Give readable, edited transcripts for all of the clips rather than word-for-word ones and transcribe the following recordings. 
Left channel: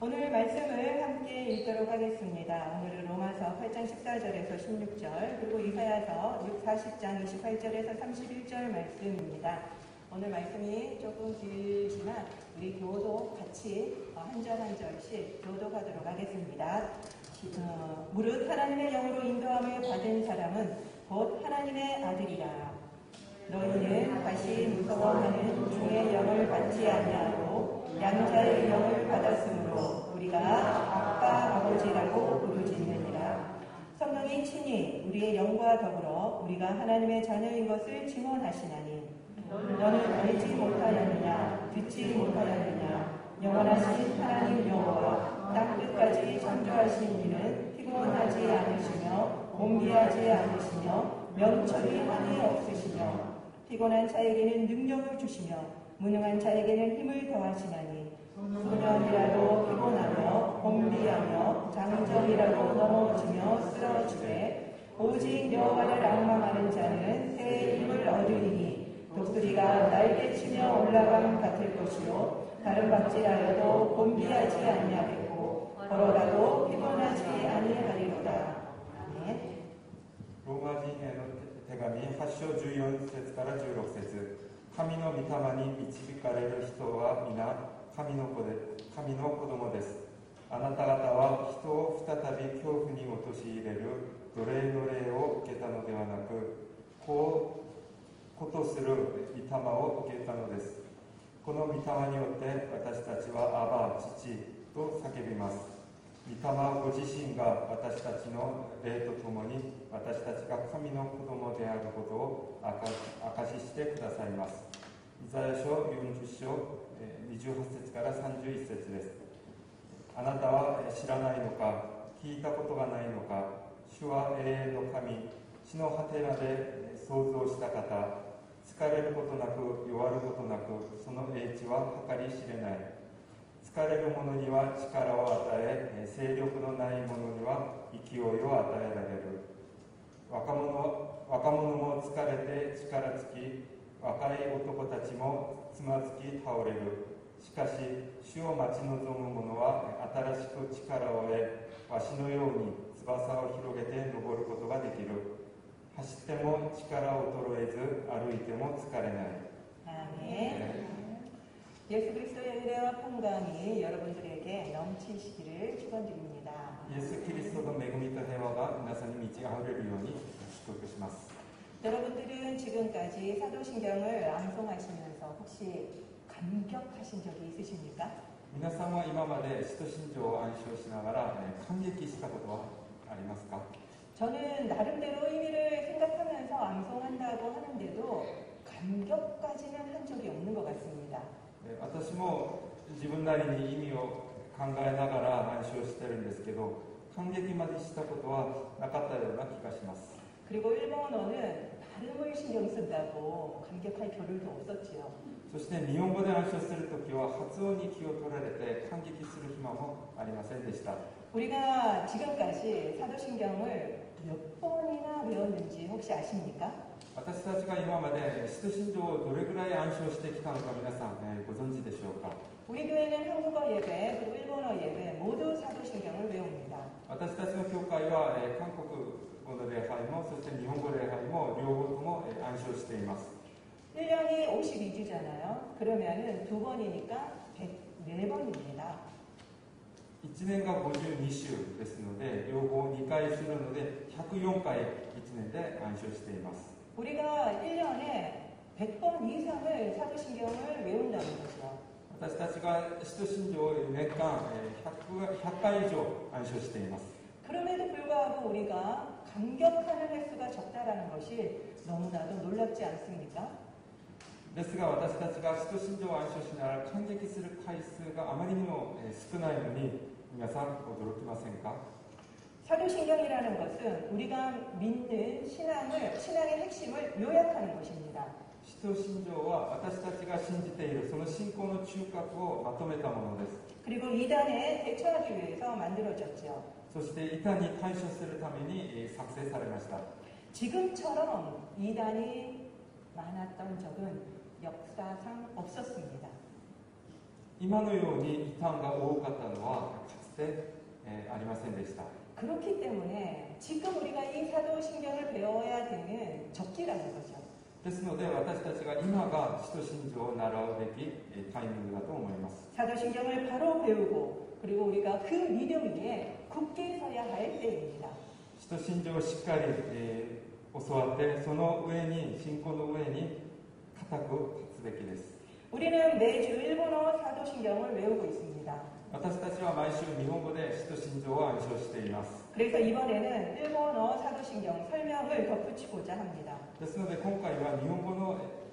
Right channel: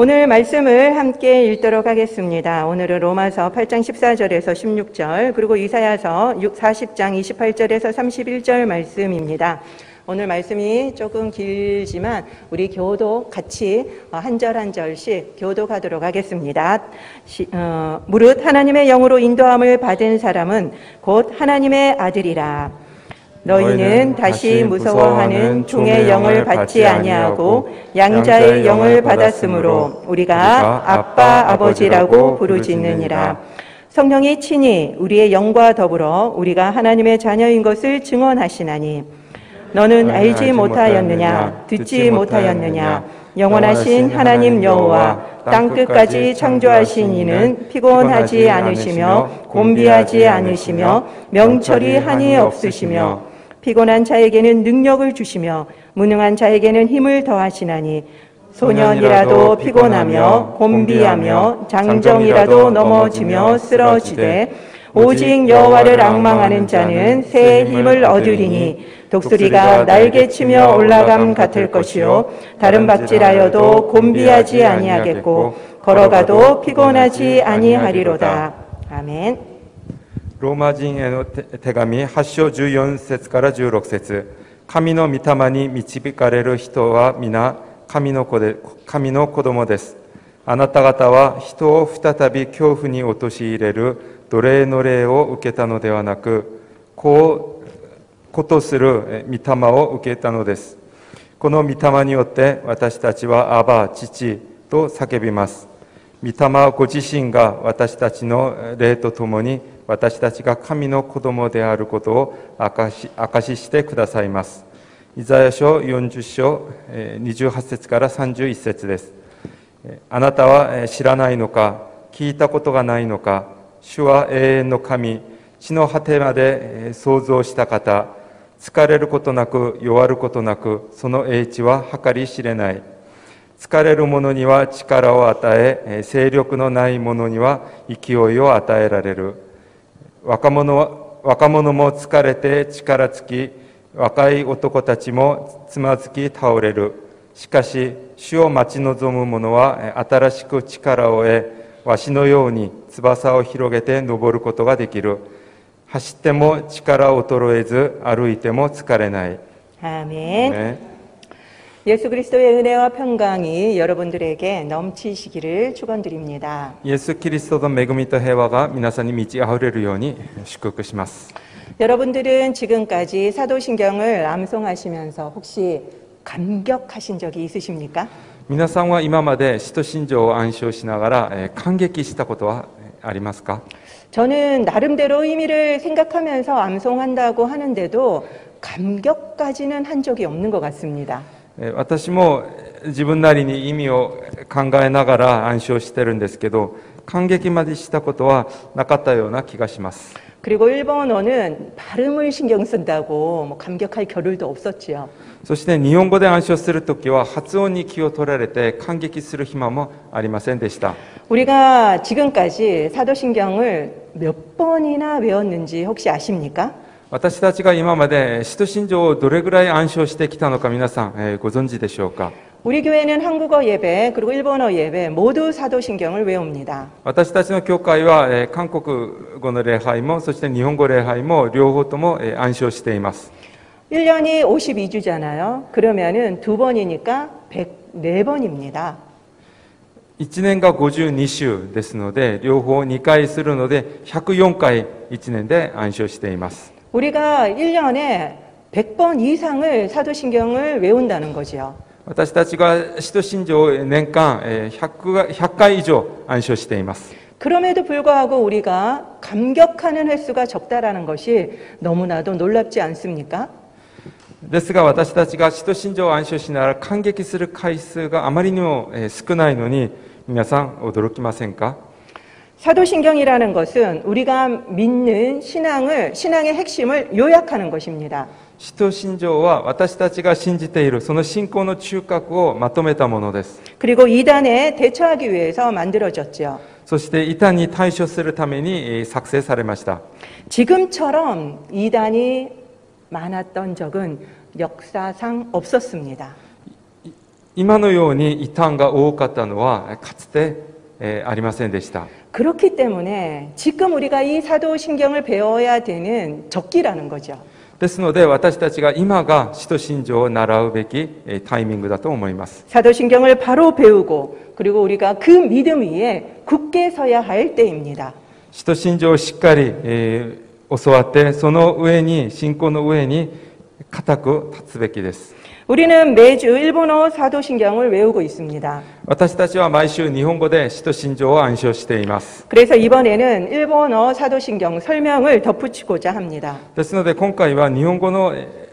오늘 말씀을 함께 읽도록 하겠습니다. 오늘은 로마서 8장 14절에서 16절, 그리고 이사야서 40장 28절에서 31절 말씀입니다. 오늘 말씀이 조금 길지만 우리 교독 같이 한 절 한 절씩 교독하도록 하겠습니다. 무릇 하나님의 영으로 인도함을 받은 사람은 곧 하나님의 아들이라. 너희는 다시 무서워하는 종의 영을 받지 아니하고 양자의 영을 받았으므로 우리가 아빠 아버지라고 부르짖느니라. 성령이 친히 우리의 영과 더불어 우리가 하나님의 자녀인 것을 증언하시나니 너는 알지 못하였느냐 듣지 못하였느냐 영원하신 하나님 여호와 땅끝까지 창조하신 이는 피곤하지 않으시며 곤비하지 않으시며 명철이 한이 없으시며 피곤한 자에게는 능력을 주시며 무능한 자에게는 힘을 더하시나니 소년이라도 피곤하며 곤비하며 장정이라도 넘어지며 쓰러지되 오직 여호와를 앙망하는 자는 새 힘을 얻으리니 독수리가 날개치며 올라감 같을 것이요 다른 박질하여도 곤비하지 아니하겠고 걸어가도 피곤하지 아니하리로다. 아멘. ローマ人への手紙8章14節から16節。神の御霊に導かれる人は皆神の子供です。あなた方は人を再び恐怖に陥れる奴隷の霊を受けたのではなく、子とする御霊を受けたのです。この御霊によって私たちはアバ、父と叫びます。御霊ご自身が私たちの霊とともに私たちが神の子供であることを証ししてくださいます。イザヤ書40章28節から31節です。あなたは知らないのか、聞いたことがないのか、主は永遠の神、地の果てまで創造した方、疲れることなく弱ることなく、その英知は計り知れない。疲れる者には力を与え、勢力のない者には勢いを与えられる。若者も疲れて力尽き、若い男たちもつまずき倒れる。しかし、主を待ち望む者は新しく力を得、わしのように翼を広げて登ることができる。走っても力衰えず、歩いても疲れない。 아멘. 예수 그리스도의 은혜와 평강이 여러분들에게 넘치시기를 축원드립니다. イエス・キリストの恵みと平和が皆さんに満ち溢れるように祝福します。 여러분들은 지금까지 사도신경을 암송하시면서 혹시 감격하신 적이 있으십니까? 皆さんは今まで使徒信条を暗唱しながら感激したことはありますか？ 저는 나름대로 의미를 생각하면서 암송한다고 하는데도 감격까지는 한 적이 없는 것 같습니다. 私も自分なりに意味を考えながら暗唱してるんですけど、感激までしたことはなかったような気がします。 그리고 일본어는 발음을 신경 쓴다고 뭐 감격할 겨를도 없었지요. そして日本語で暗唱するときは発音に気を取られて感激する暇もありませんでした。 우리가 지금까지 사도신경을 몇 번이나 외웠는지 혹시 아십니까? 私たちが今まで使徒信条をどれぐらい暗唱してきたのか皆さんご存知でしょうか？ 우리 교회는 한국어 예배 그리고 일본어 예배 모두 사도신경을 외웁니다. 私たちの教会は韓国語の礼拝もそして日本語礼拝も両方とも暗唱しています。 1년이 52주잖아요. 그러면은 2번이니까 104번입니다. 1年が52週ですので両方2回するので104回1年で暗唱しています。 우리가 1년에 100번 이상을 사도신경을 외운다는 거죠. 私たちが使徒信条を年間100回以上暗唱しています。 그럼에도 불구하고 우리가 감격하는 횟수가 적다라는 것이 너무나도 놀랍지 않습니까? ですが私たちが使徒信条を暗唱しながら感激する回数があまりにも少ないのに皆さん驚きませんか？ 사도신경이라는 것은 우리가 믿는 신앙의 핵심을 요약하는 것입니다. 使徒信条は私たちが信じているその信仰の中核をまとめたものです。 그리고 이단에 대처하기 위해서 만들어졌죠. そして異端に対処するために作成されました。 지금처럼 이단이 많았던 적은 역사상 없었습니다. 今のように異端が多かったのはかつて、ありませんでした。 그렇기 때문에 지금 우리가 이 사도신경을 배워야 되는 적기라는 거죠. ですので私たちが今が使徒信条を習うべきタイミングだと思います。 사도신경을 바로 배우고 그리고 우리가 그 믿음 위에 굳게 서야 할 때입니다. 使徒信条をしっかり、教わってその上に信仰の上に固く立つべきです。 우리는 매주 일본어 사도신경을 외우고 있습니다. 私たちは毎週日本語で使徒信条を暗唱しています。 그래서 이번에는 일본어 사도신경 설명을 덧붙이고자 합니다. ですので今回は日本語の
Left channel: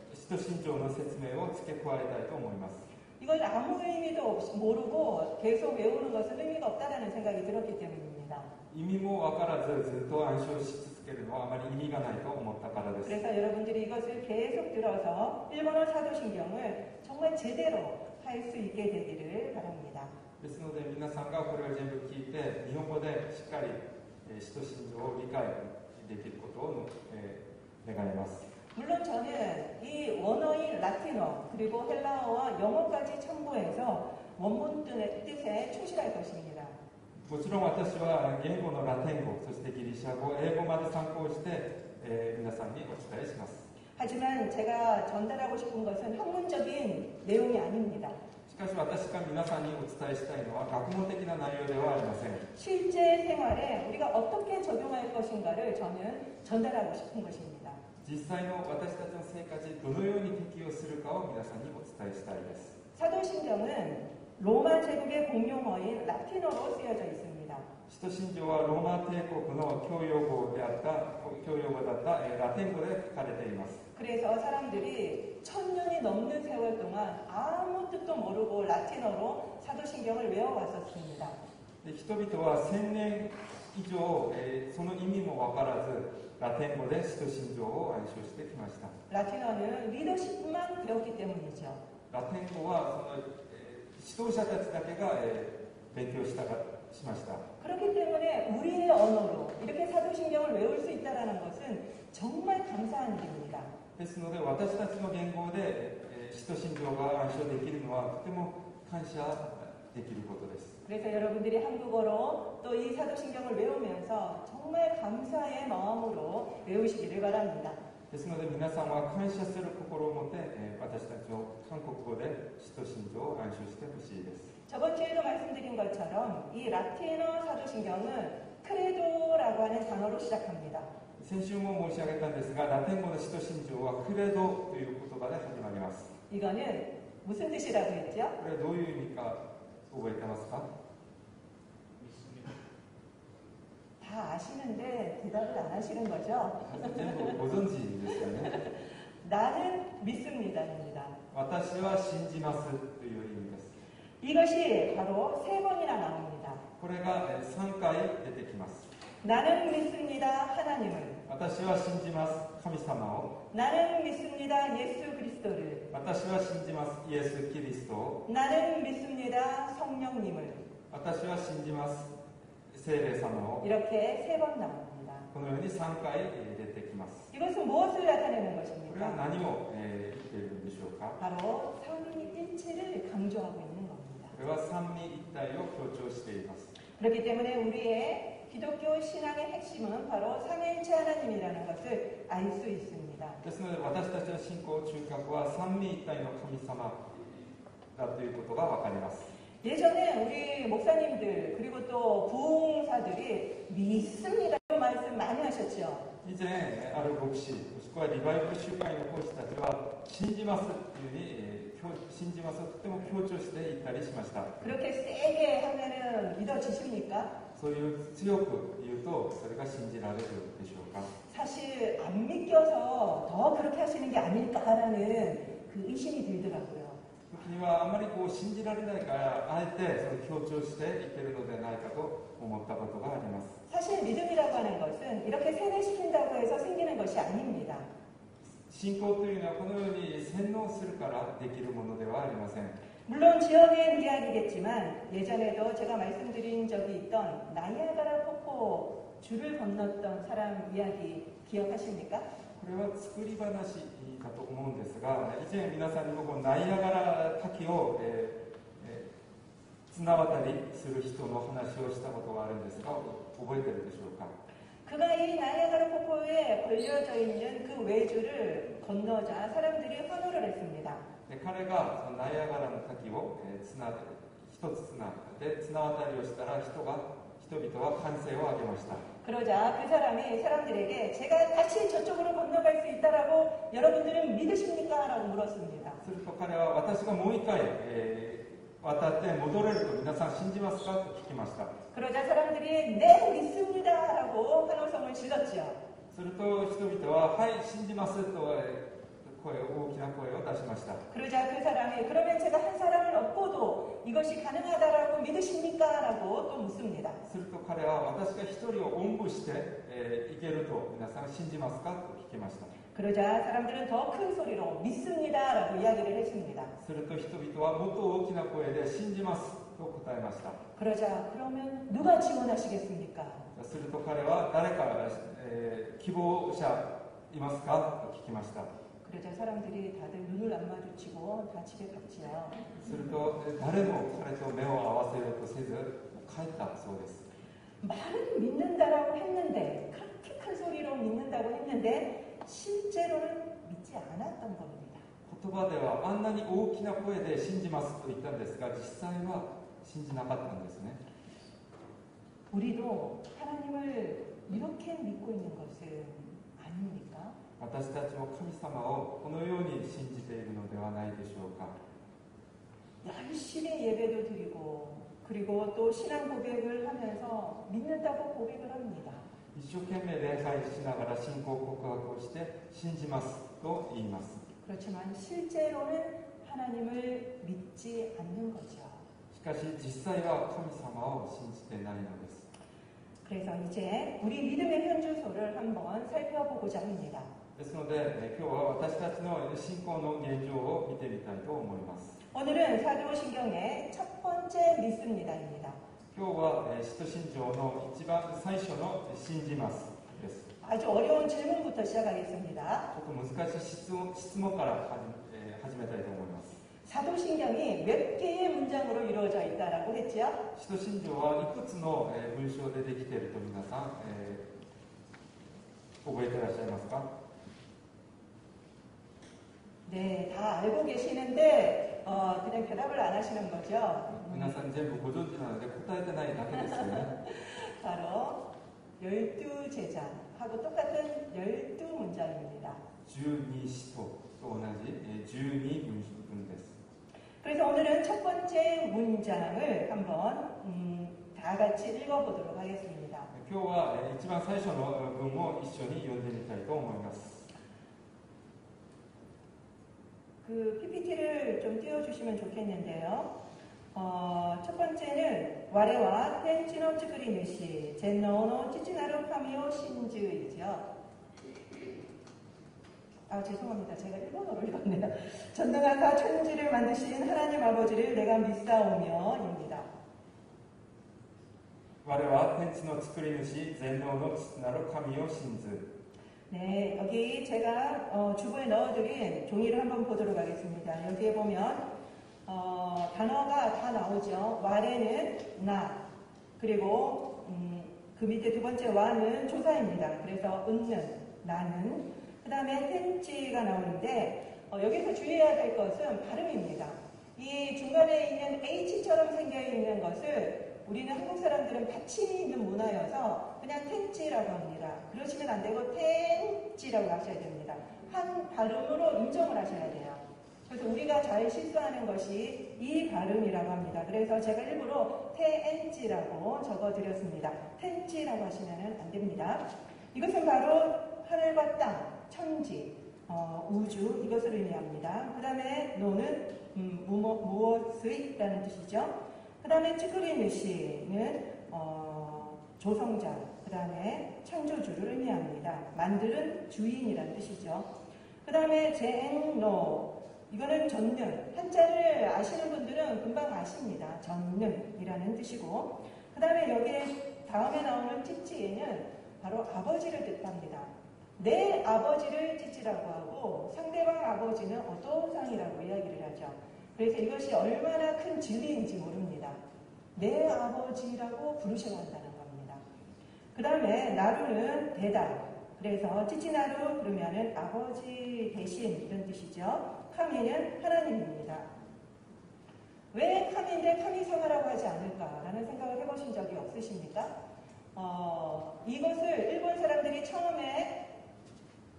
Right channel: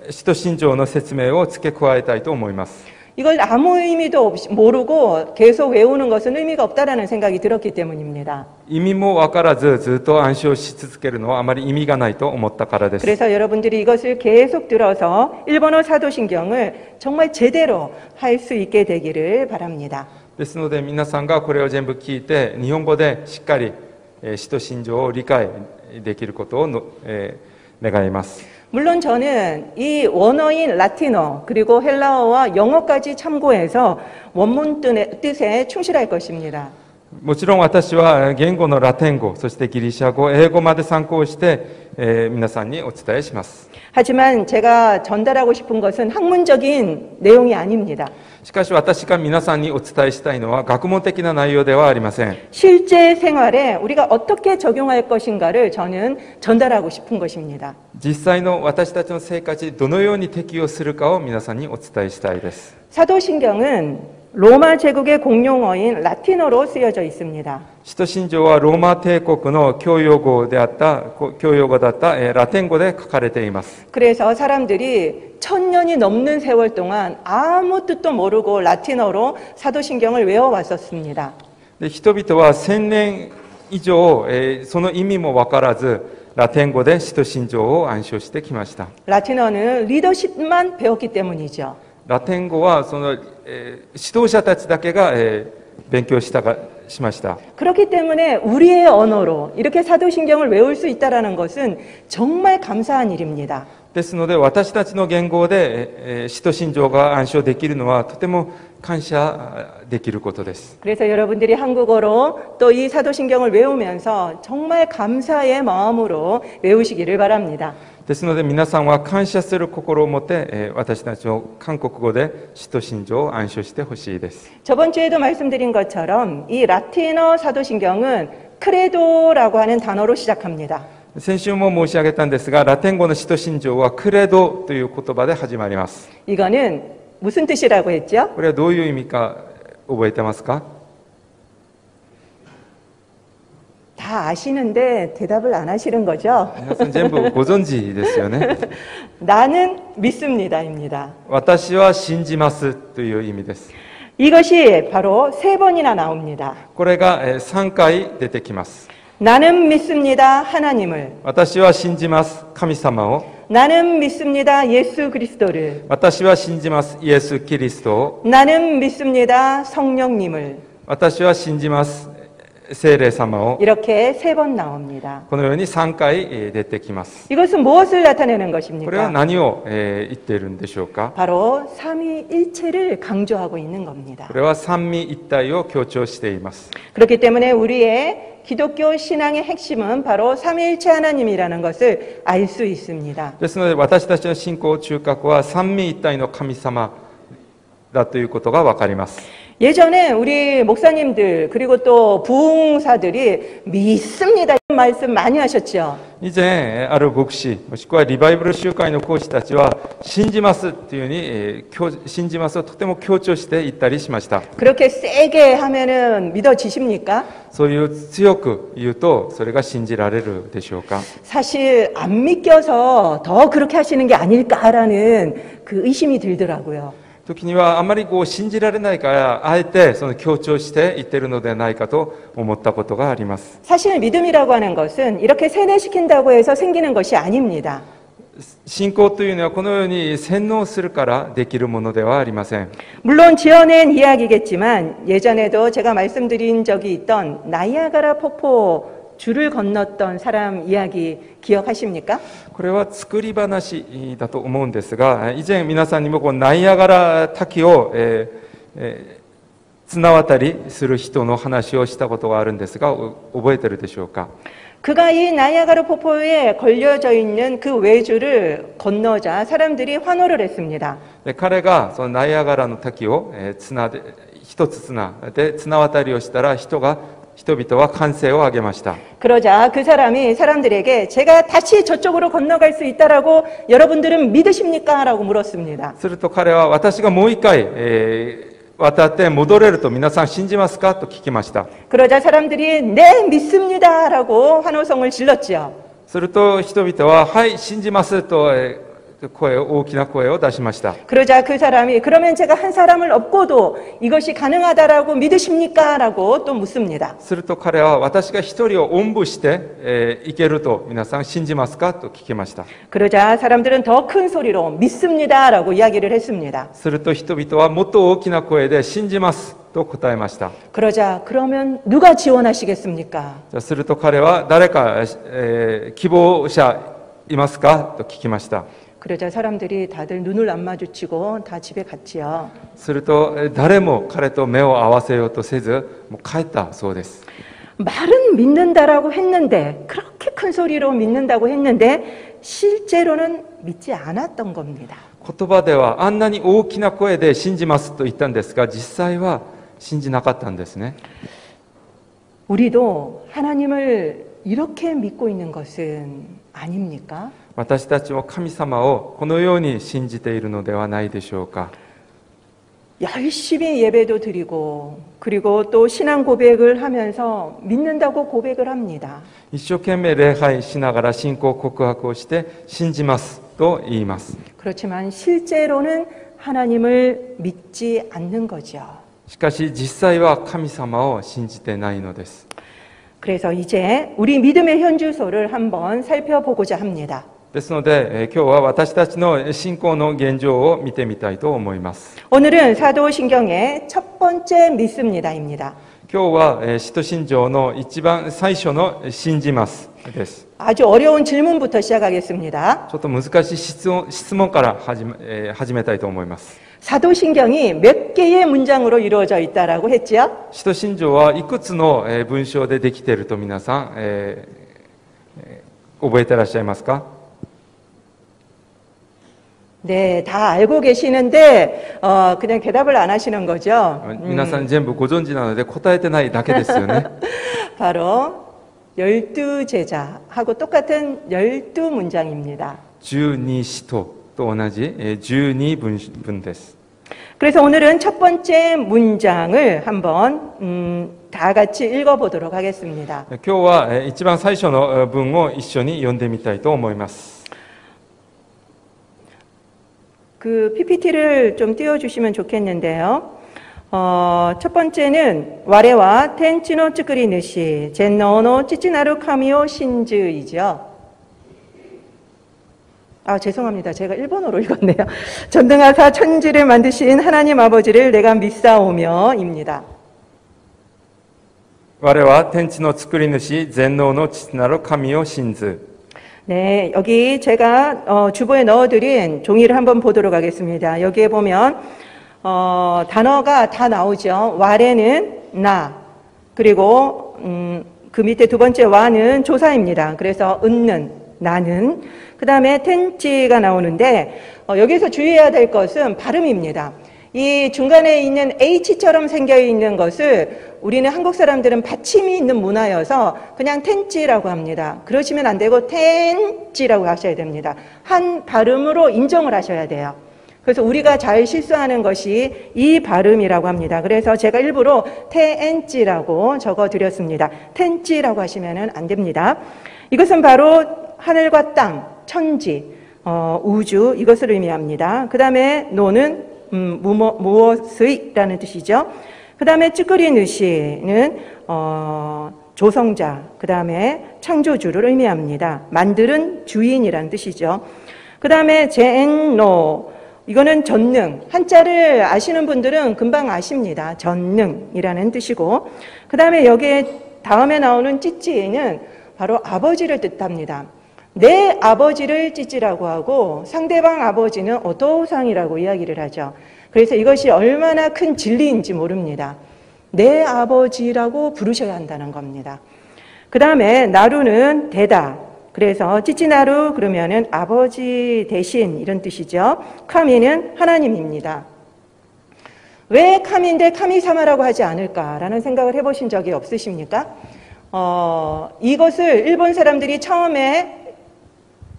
使徒信条の説明を付け加えたいと思います。 이걸 아무 의미도 없이 모르고 계속 외우는 것은 의미가 없다라는 생각이 들었기 때문입니다. 意味も分からずずっと暗唱し続けるのはあまり意味がないと思ったからです。 그래서 여러분들이 이것을 계속 들어서 일본어 사도신경을 정말 제대로 할 수 있게 되기를 바랍니다. ですので皆さんがこれを全部聞いて日本語でしっかり使徒信条を理解できることを願います。 물론 저는 이 원어인 라틴어 그리고 헬라어와 영어까지 참고해서 원문 뜻에 충실할 것입니다. もちろん私は言語のラテン語そしてギリシャ語英語まで参考して、皆さんにお伝えします。 하지만 제가 전달하고 싶은 것은 학문적인 내용이 아닙니다. しかし私が皆さんにお伝えしたいのは学問的な内容ではありません。 실제 생활에 우리가 어떻게 적용할 것인가를 저는 전달하고 싶은 것입니다. 実際の私たちの生活にどのように適用するかを皆さんにお伝えしたいです。 사도신경은 로마 제국의 공용어인 라틴어로 쓰여져 있습니다. 使徒信条はローマ帝国の教養語だったラテン語で書かれています。 그래서 사람들이 1000년이 넘는 세월 동안 아무 뜻도 모르고 라틴어로 사도신경을 외워왔었습니다. で人々は1000年以上、その意味も分からずラテン語で使徒信条を暗唱してきました。 라틴어는 리더십만 배웠기 때문이죠. ラテン語はその、指導者たちだけが、勉強しました。 그렇기 때문에 우리의 언어로 이렇게 사도신경을 외울 수 있다는 것은 정말 감사한 일입니다. ですので私たちの言語で、使徒信条が暗唱できるのはとても感謝できることです。 그래서 여러분들이 한국어로 또 이 사도신경을 외우면서 정말 감사의 마음으로 외우시기를 바랍니다. ですので皆さんは感謝する心を持って、私たちの韓国語で使徒信条を暗唱してほしいです。 저번 주에도 말씀드린 것처럼 이 라틴어 사도신경은 크레도라고 하는 단어로 시작합니다. 先週も申し上げたんですがラテン語の使徒信条はクレドという言葉で始まります。 이거는 무슨 뜻이라고 했죠? これはどういう意味か覚えてますか？ 다 아시는데 대답을 안 하시는 거죠? 皆さん全部ご存知ですよね。 나는 믿습니다입니다. 私は信じますという意味です。 이것이 바로 3번이나 나옵니다. これが3回出てきます。 나는 믿습니다 하나님을. 私は信じます神様を。 나는 믿습니다 예수 그리스도를. 私は信じますイエス・キリストを。 나는 믿습니다 성령님을. 私は信じます聖霊様を。 이렇게 3번 나옵니다. このように3回出てきます。 이것은 무엇을 나타내는 これは 것입니까? 何を言っているんでしょうか？ 바로 삼위일체를 강조하고 있는 겁니다. これは三位一体を強調しています。 그렇기 때문에 우리의 기독교 신앙의 핵심은 바로 삼위일체 하나님이라는 것을 알 수 있습니다. ですので私たちの信仰中核は三位一体の神様だということが分かります。 예전에 우리 목사님들 그리고 또 부흥사들이 믿습니다 이런 말씀 많이 하셨죠. 以前ある牧師もしくはリバイバル集会の講師たちは信じますというふうに信じますをとても強調して言ったりしました。 그렇게 세게 하면은 믿어지십니까? そういう強く言うとそれが信じられるでしょうか？ 사실 안 믿겨서 더 그렇게 하시는 게 아닐까라는 그 의심이 들더라고요. 時にはあまり信じられないからあえてその強調して言っているのではないかと思ったことがあります。 사실 믿음이라고 하는 것은 이렇게 세뇌시킨다고 해서 생기는 것이 아닙니다. 信仰というのはこのように洗脳するからできるものではありません。 물론 지어낸 이야기겠지만 예전에도 제가 말씀드린 적이 있던 나이아가라 폭포 줄을 건넜던 사람 이야기 기억하십니까? これは作り話だと思うんですが以前皆さんにもナイアガラ滝を、綱渡りする人の話をしたことがあるんですが、覚えてるでしょうか。 그가 이 나이아가라 폭포에 걸려져 있는 그 외주를 건너자 사람들이 환호를 했습니다. で彼がそのナイアガラの滝を綱で一つ綱で綱渡りをしたら人々は歓声を上げました。 그러자 그 사람이 사람들에게 제가 다시 저쪽으로 건너갈 수 있다라고 여러분들은 믿으십니까? 라고 물었습니다. すると彼は私がもう一回、渡って戻れると皆さん信じますかと聞きました。 그러자 사람들이 네 믿습니다 라고 환호성을 질렀지요. すると人々ははい信じますと大きな声を出しました。 그러자 그 사람이 그러면 제가 한 사람을 업고도 이것이 가능하다라고 믿으십니까? 라고 또 묻습니다. すると彼は私が一人をおんぶして、行けると皆さん信じますかと聞きました。 그러자 사람들은 더 큰 소리로 믿습니다 라고 이야기를 했습니다. すると人々はもっと大きな声で信じますと答えました。 그러자 그러면 누가 지원하시겠습니까? じゃあすると彼は誰か、希望者いますかと聞きました。 그러자 사람들이 다들 눈을 안 마주치고 다 집에 갔지요. すると誰も彼と目を合わせようとせずもう帰ったそうです。 말은 믿는다라고 했는데 그렇게 큰 소리로 믿는다고 했는데 실제로는 믿지 않았던 겁니다. 言葉ではあんなに大きな声で信じますと言ったんですが実際は信じなかったんですね。 우리도 하나님을 이렇게 믿고 있는 것은 아닙니까? 私たちも神様をこのように信じているのではないでしょうか。 열심히 예배도 드리고 그리고 또 신앙 고백을 하면서 믿는다고 고백을 합니다. 一生懸命礼拝しながら信仰告白をして信じますと言います。 그렇지만 실제로는 하나님을 믿지 않는 거죠. しかし実際は神様を信じてないのです。 그래서 이제 우리 믿음의 현주소를 한번 살펴보고자 합니다. ですので、今日は私たちの信仰の現状を見てみたいと思います。 오늘은 사도신경의 첫 번째 믿습니다입니다. 今日は使徒信条の一番最初の信じますです。 아주 어려운 질문부터 시작하겠습니다. ちょっと難しい質問から始めたいと思います。 사도신경이 몇 개의 문장으로 이루어져 있다라고 했지요? 使徒信条はいくつの文章でできていると皆さん、覚えてらっしゃいますか？ 네, 다 알고 계시는데 그냥 대답을 안 하시는 거죠. 皆さん全部ご存知なので答えてないだけですよね。 바로 12제자하고 똑같은 12문장입니다. 12使徒と同じ12文です。 그래서 오늘은 첫 번째 문장을 한번 다 같이 읽어보도록 하겠습니다. 今日は一番最初の文を一緒に読んでみたいと思います。 그 PPT를 좀 띄워주시면 좋겠는데요. 첫 번째는 와레와 텐치노 츠크리느시 젠노노 찌찌나루 카미오 신즈이죠. 죄송합니다. 제가 일본어로 읽었네요. 전능하사 천지를 만드신 하나님 아버지를 내가 믿사오며입니다. 我は天地の作り主全能の父なる神を信ず。 네, 여기 제가 주보에 넣어드린 종이를 한번 보도록 하겠습니다. 여기에 보면 단어가 다 나오죠. 와레는 나, 그리고 그 밑에 두 번째 와는 조사입니다. 그래서 은는, 나는, 그 다음에 텐치가 나오는데 여기서 주의해야 될 것은 발음입니다. 이 중간에 있는 H처럼 생겨 있는 것을 우리는 한국 사람들은 받침이 있는 문화여서 그냥 텐찌라고 합니다. 그러시면 안 되고 텐찌라고 하셔야 됩니다. 한 발음으로 인정을 하셔야 돼요. 그래서 우리가 잘 실수하는 것이 이 발음이라고 합니다. 그래서 제가 일부러 텐찌라고 적어드렸습니다. 텐찌라고 하시면 안 됩니다. 이것은 바로 하늘과 땅, 천지, 우주 이것을 의미합니다. 그 다음에 노는 무엇의라는 뜻이죠. 그 다음에 찌끄리느시는 조성자, 그 다음에 창조주를 의미합니다. 만드는 주인이라는 뜻이죠. 그 다음에 젠노, 이거는 전능, 한자를 아시는 분들은 금방 아십니다. 전능이라는 뜻이고, 그 다음에 여기에 다음에 나오는 찌찌는 바로 아버지를 뜻합니다. 내 아버지를 찌찌라고 하고 상대방 아버지는 오토상이라고 이야기를 하죠. 그래서 이것이 얼마나 큰 진리인지 모릅니다. 내 아버지라고 부르셔야 한다는 겁니다. 그 다음에 나루는 되다. 그래서 찌찌나루 그러면은 아버지 대신 이런 뜻이죠. 카미는 하나님입니다. 왜 카미인데 카미사마라고 하지 않을까라는 생각을 해보신 적이 없으십니까? 이것을 일본 사람들이 처음에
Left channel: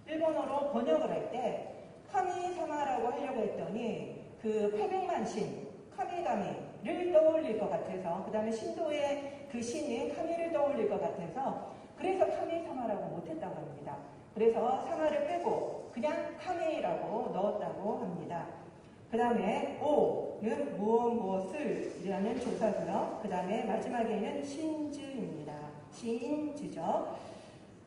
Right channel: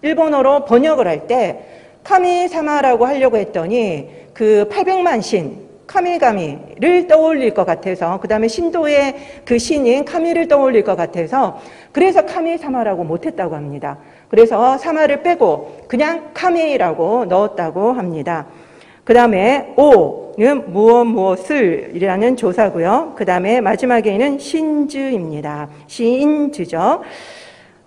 일본어로 번역을 할 때 카미사마라고 하려고 했더니 그 800만 신 카미가미를 떠올릴 것 같아서, 그 다음에 신도의 그 신인 카미를 떠올릴 것 같아서 그래서 카미사마라고 못했다고 합니다. 그래서 사마를 빼고 그냥 카미라고 넣었다고 합니다. 그 다음에 오는 무엇을 이라는 조사고요. 그 다음에 마지막에는 신즈입니다. 신즈죠.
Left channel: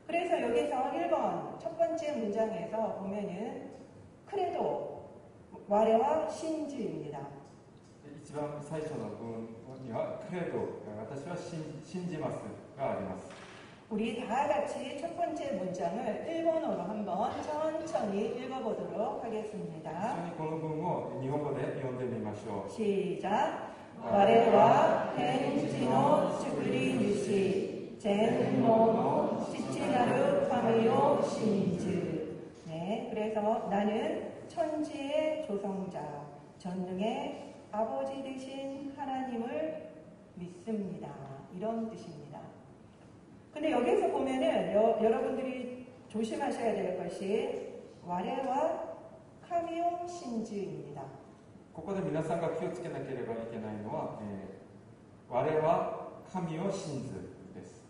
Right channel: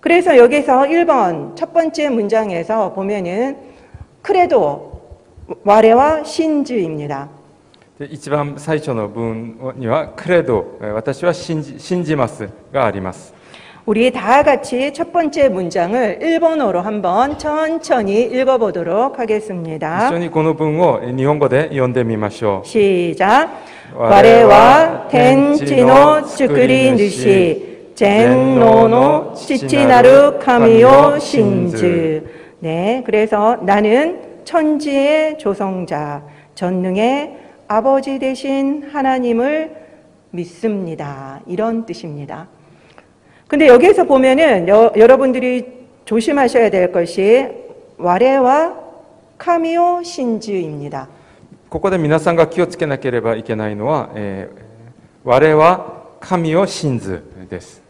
그래서 여기서 1번 첫 번째 문장에서 보면은 크레도 와레와 신즈입니다. 一番最初の文にはクレド、私は信じますがあります。 우리 다 같이 첫 번째 문장을 일본어로 한번 천천히 읽어보도록 一 하겠습니다. 緒にこの文を日本語で読んでみましょう。 시작. 와레와 텐치노 츠쿠리 누시 젠노노 치치나루 카미오 신즈. 네, 그래서 나는 천지의 조성자, 전능의 아버지 되신 하나님을 믿습니다. 이런 뜻입니다. 근데 여기에서 보면은 여러분들이 조심하셔야 될 것이 와레와 카미오 신즈입니다. ここで皆さんが気をつけなければいけないのは、我は神を信ずです。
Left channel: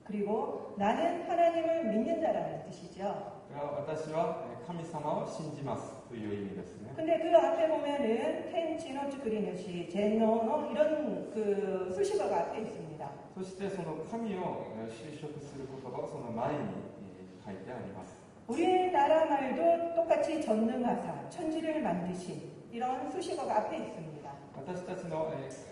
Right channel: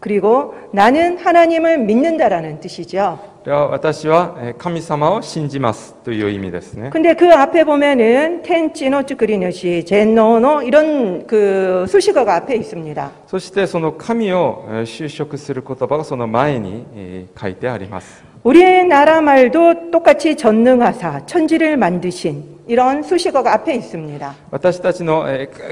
그리고 나는 하나님을 믿는다라는 뜻이죠. 私は神様を信じますという意味ですね。 근데 그 앞에 보면은 텐치노 츠쿠리노시 젠노노 이런 그 수식어가 앞에 있습니다. そしてその神を修飾する言葉がその前に書いてあります。 우리나라 말도 똑같이 전능하사 천지를 만드신 이런 수식어가 앞에 있습니다. 私たちの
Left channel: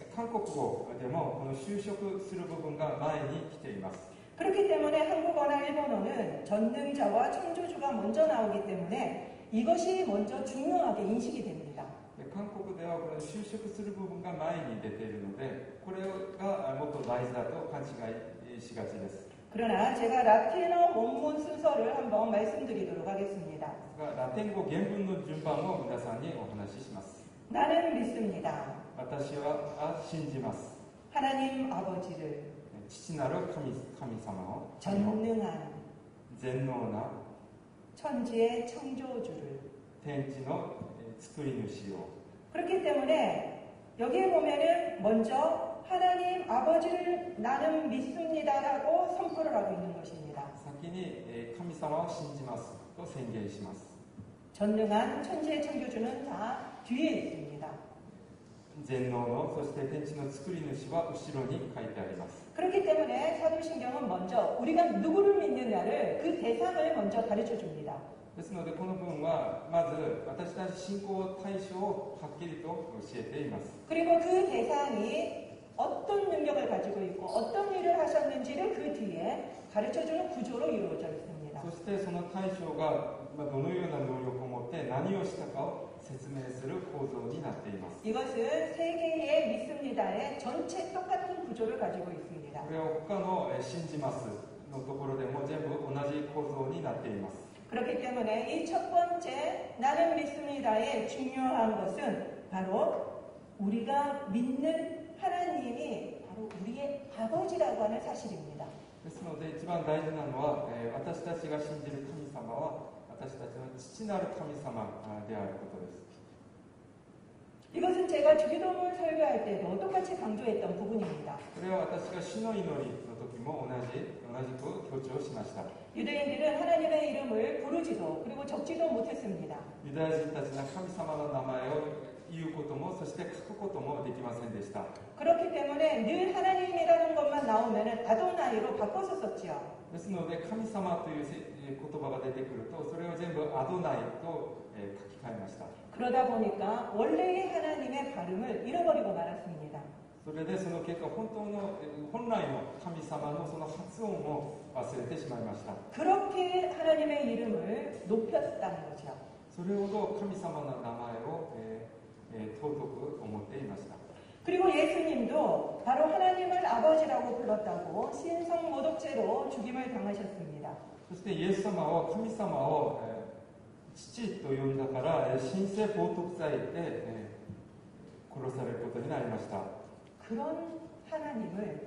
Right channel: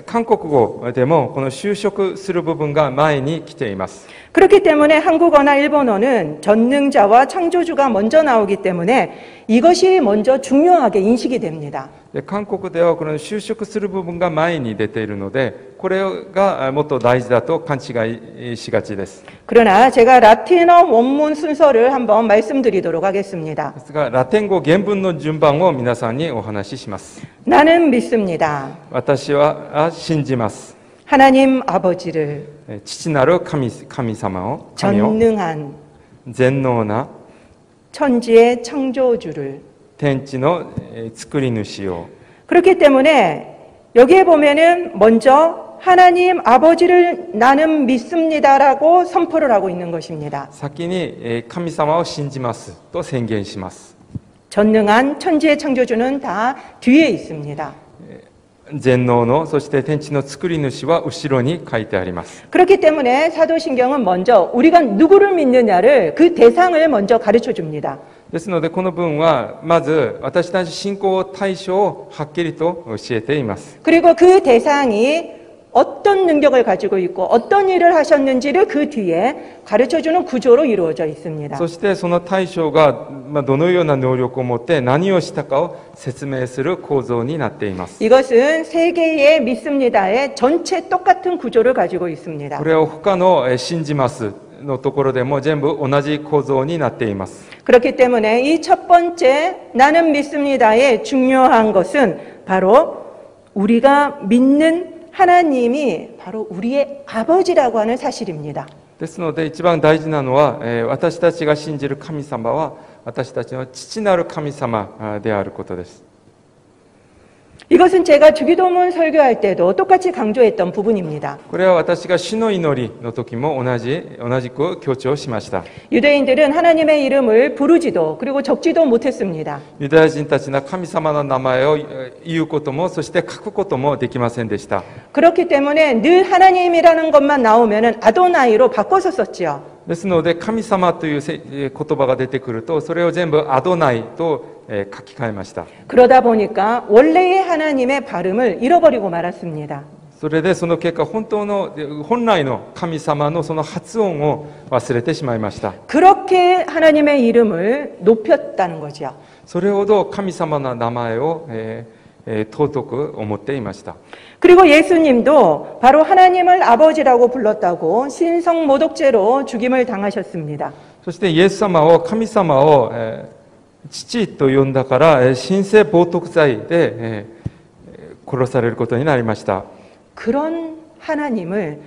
韓国語でもこの修飾する部分が前に来ています。 그렇기 때문에 한국어나 일본어는 전능자와 창조주가 먼저 나오기 때문에 이것이 먼저 중요하게 인식이 됩니다. で韓国ではこの修飾する部分が前に出ているので、これがもっと大事だと勘違いしがちです。 그러나 제가 라틴어 원문 순서를 한번 말씀드리도록 하겠습니다. ですがラテン語原文の順番を皆さんにお話しします。 나는 믿습니다. 私は信じます。 하나님 아버지를 父なる神様を、神を 전능한 全能な 천지의 창조주를. 天地の作り主を。 그렇기 때문에 여기에 보면은 먼저 하나님 아버지를 나는 믿습니다라고 선포를 하고 있는 것입니다. 先に神様を信じますと宣言します。 전능한 천지의 창조주는 다 뒤에 있습니다. 全能の、そして天地の作り主は後ろに書いてあります。 그렇기 때문에 사도신경은 먼저 우리가 누구를 믿느냐를 그 대상을 먼저 가르쳐 줍니다. ですのでこの文はまず私たち信仰対象をはっきりと教えています。 그리고 그 대상이 어떤 능력을 가지고 있고 어떤 일을 하셨는지를 그 뒤에 가르쳐주는 구조로 이루어져 있습니다. そしてその対象がどのような能力を持って何をしたかを説明する構造になっています。 이것은 세계의 믿습니다의 전체 똑같은 구조를 가지고 있습니다. これを他の信じますのところでも全部同じ構造になっています。 그렇기 때문에 이 첫 번째 나는 믿습니다의 중요한 것은 바로 우리가 믿는 하나님이 바로 우리의 아버지라고 하는 사실입니다. ですので一番大事なのは私たちが信じる神様は私たちの父なる神様であることです。 이것은 제가 주기도문 설교할 때도 똑같이 강조했던 부분입니다. これは私が主の祈りの時も同じく強調しました。 유대인들은 하나님의 이름을 부르지도 그리고 적지도 못했습니다. ユダヤ人たちの神様の名前を言うこともそして書くこともできませんでした。 그렇기 때문에 늘 하나님이라는 것만 나오면은 아도나이로 바꿔서 썼지요. ですので神様という言葉が出てくるとそれを全部アドナイと書き換えました。 그러다 보니까 원래의 하나님의 발음을 잃어버리고 말았습니다. それでその結果本来の神様のその発音を忘れてしまいました。 그렇게 하나님의 이름을 높였다는 거죠. それほど神様の名前を尊く思っていました。 그리고 예수님도 바로 하나님을 아버지라고 불렀다고 신성모독죄로 죽임을 당하셨습니다. そしてイエス様を神様を父と呼んだから神聖冒涜罪で殺されることになりました。 그런 하나님을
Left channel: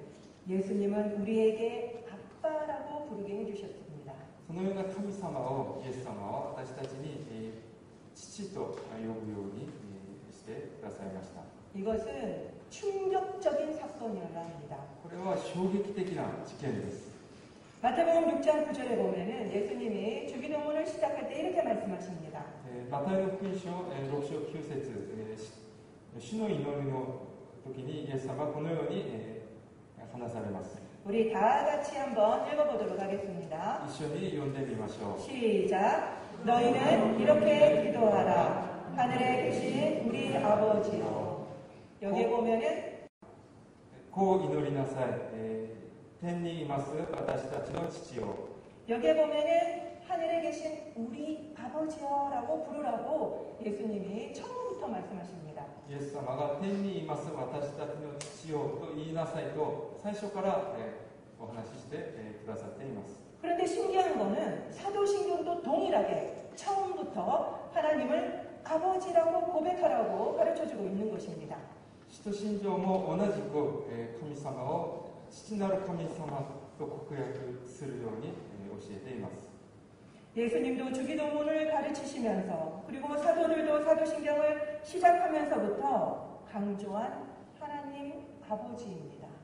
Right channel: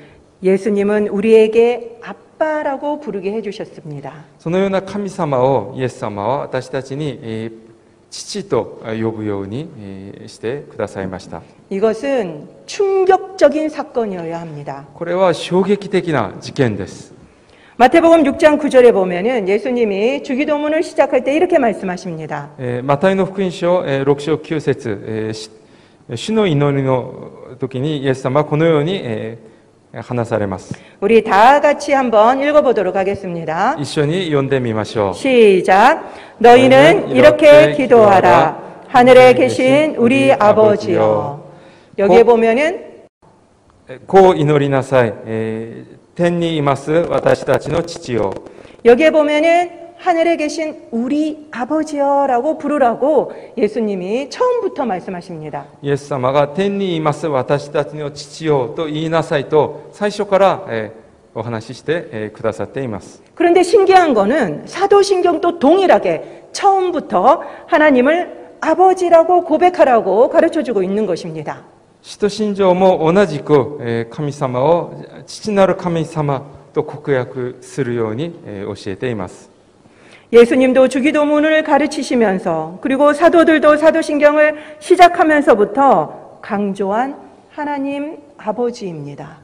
예수님은 우리에게 아빠라고 부르게 해주셨습니다. そのような神様をイエス様は私たちに父と呼ぶようにしてくださいました。 이것은 충격적인 사건이어야 합니다. これは衝撃的な事件です。 마태복음 6장 9절에 보면은 예수님이 주기도문을 시작할 때 이렇게 말씀하십니다. マタイの福音書6章9節主の祈りの時にイエス様はこのように話されます。 우리 다 같이 한번 읽어보도록 하겠습니다. 一緒に読んでみましょう。 시작. 너희는 이렇게 기도하라. 하늘에 계신 우리 아버지여. 여기에 보면은 こう祈りなさい。天にいます私たちの父よ。 여기에 보면은 하늘에 계신 우리 아버지여라고 부르라고 예수님이 처음부터 말씀하십니다. イエス様が天にいます私たちの父よと言いなさいと最初からお話ししてくださっています。 그런데 신기한 거는 사도신경도 동일하게 처음부터 하나님을 아버지라고 고백하라고 가르쳐주고 있는 것입니다. 使徒信条も同じく神様を父なる神様と告白するように教えています。 예수님도 주기도문을 가르치시면서 그리고 사도들도 사도신경을 시작하면서부터 강조한 하나님 아버지입니다.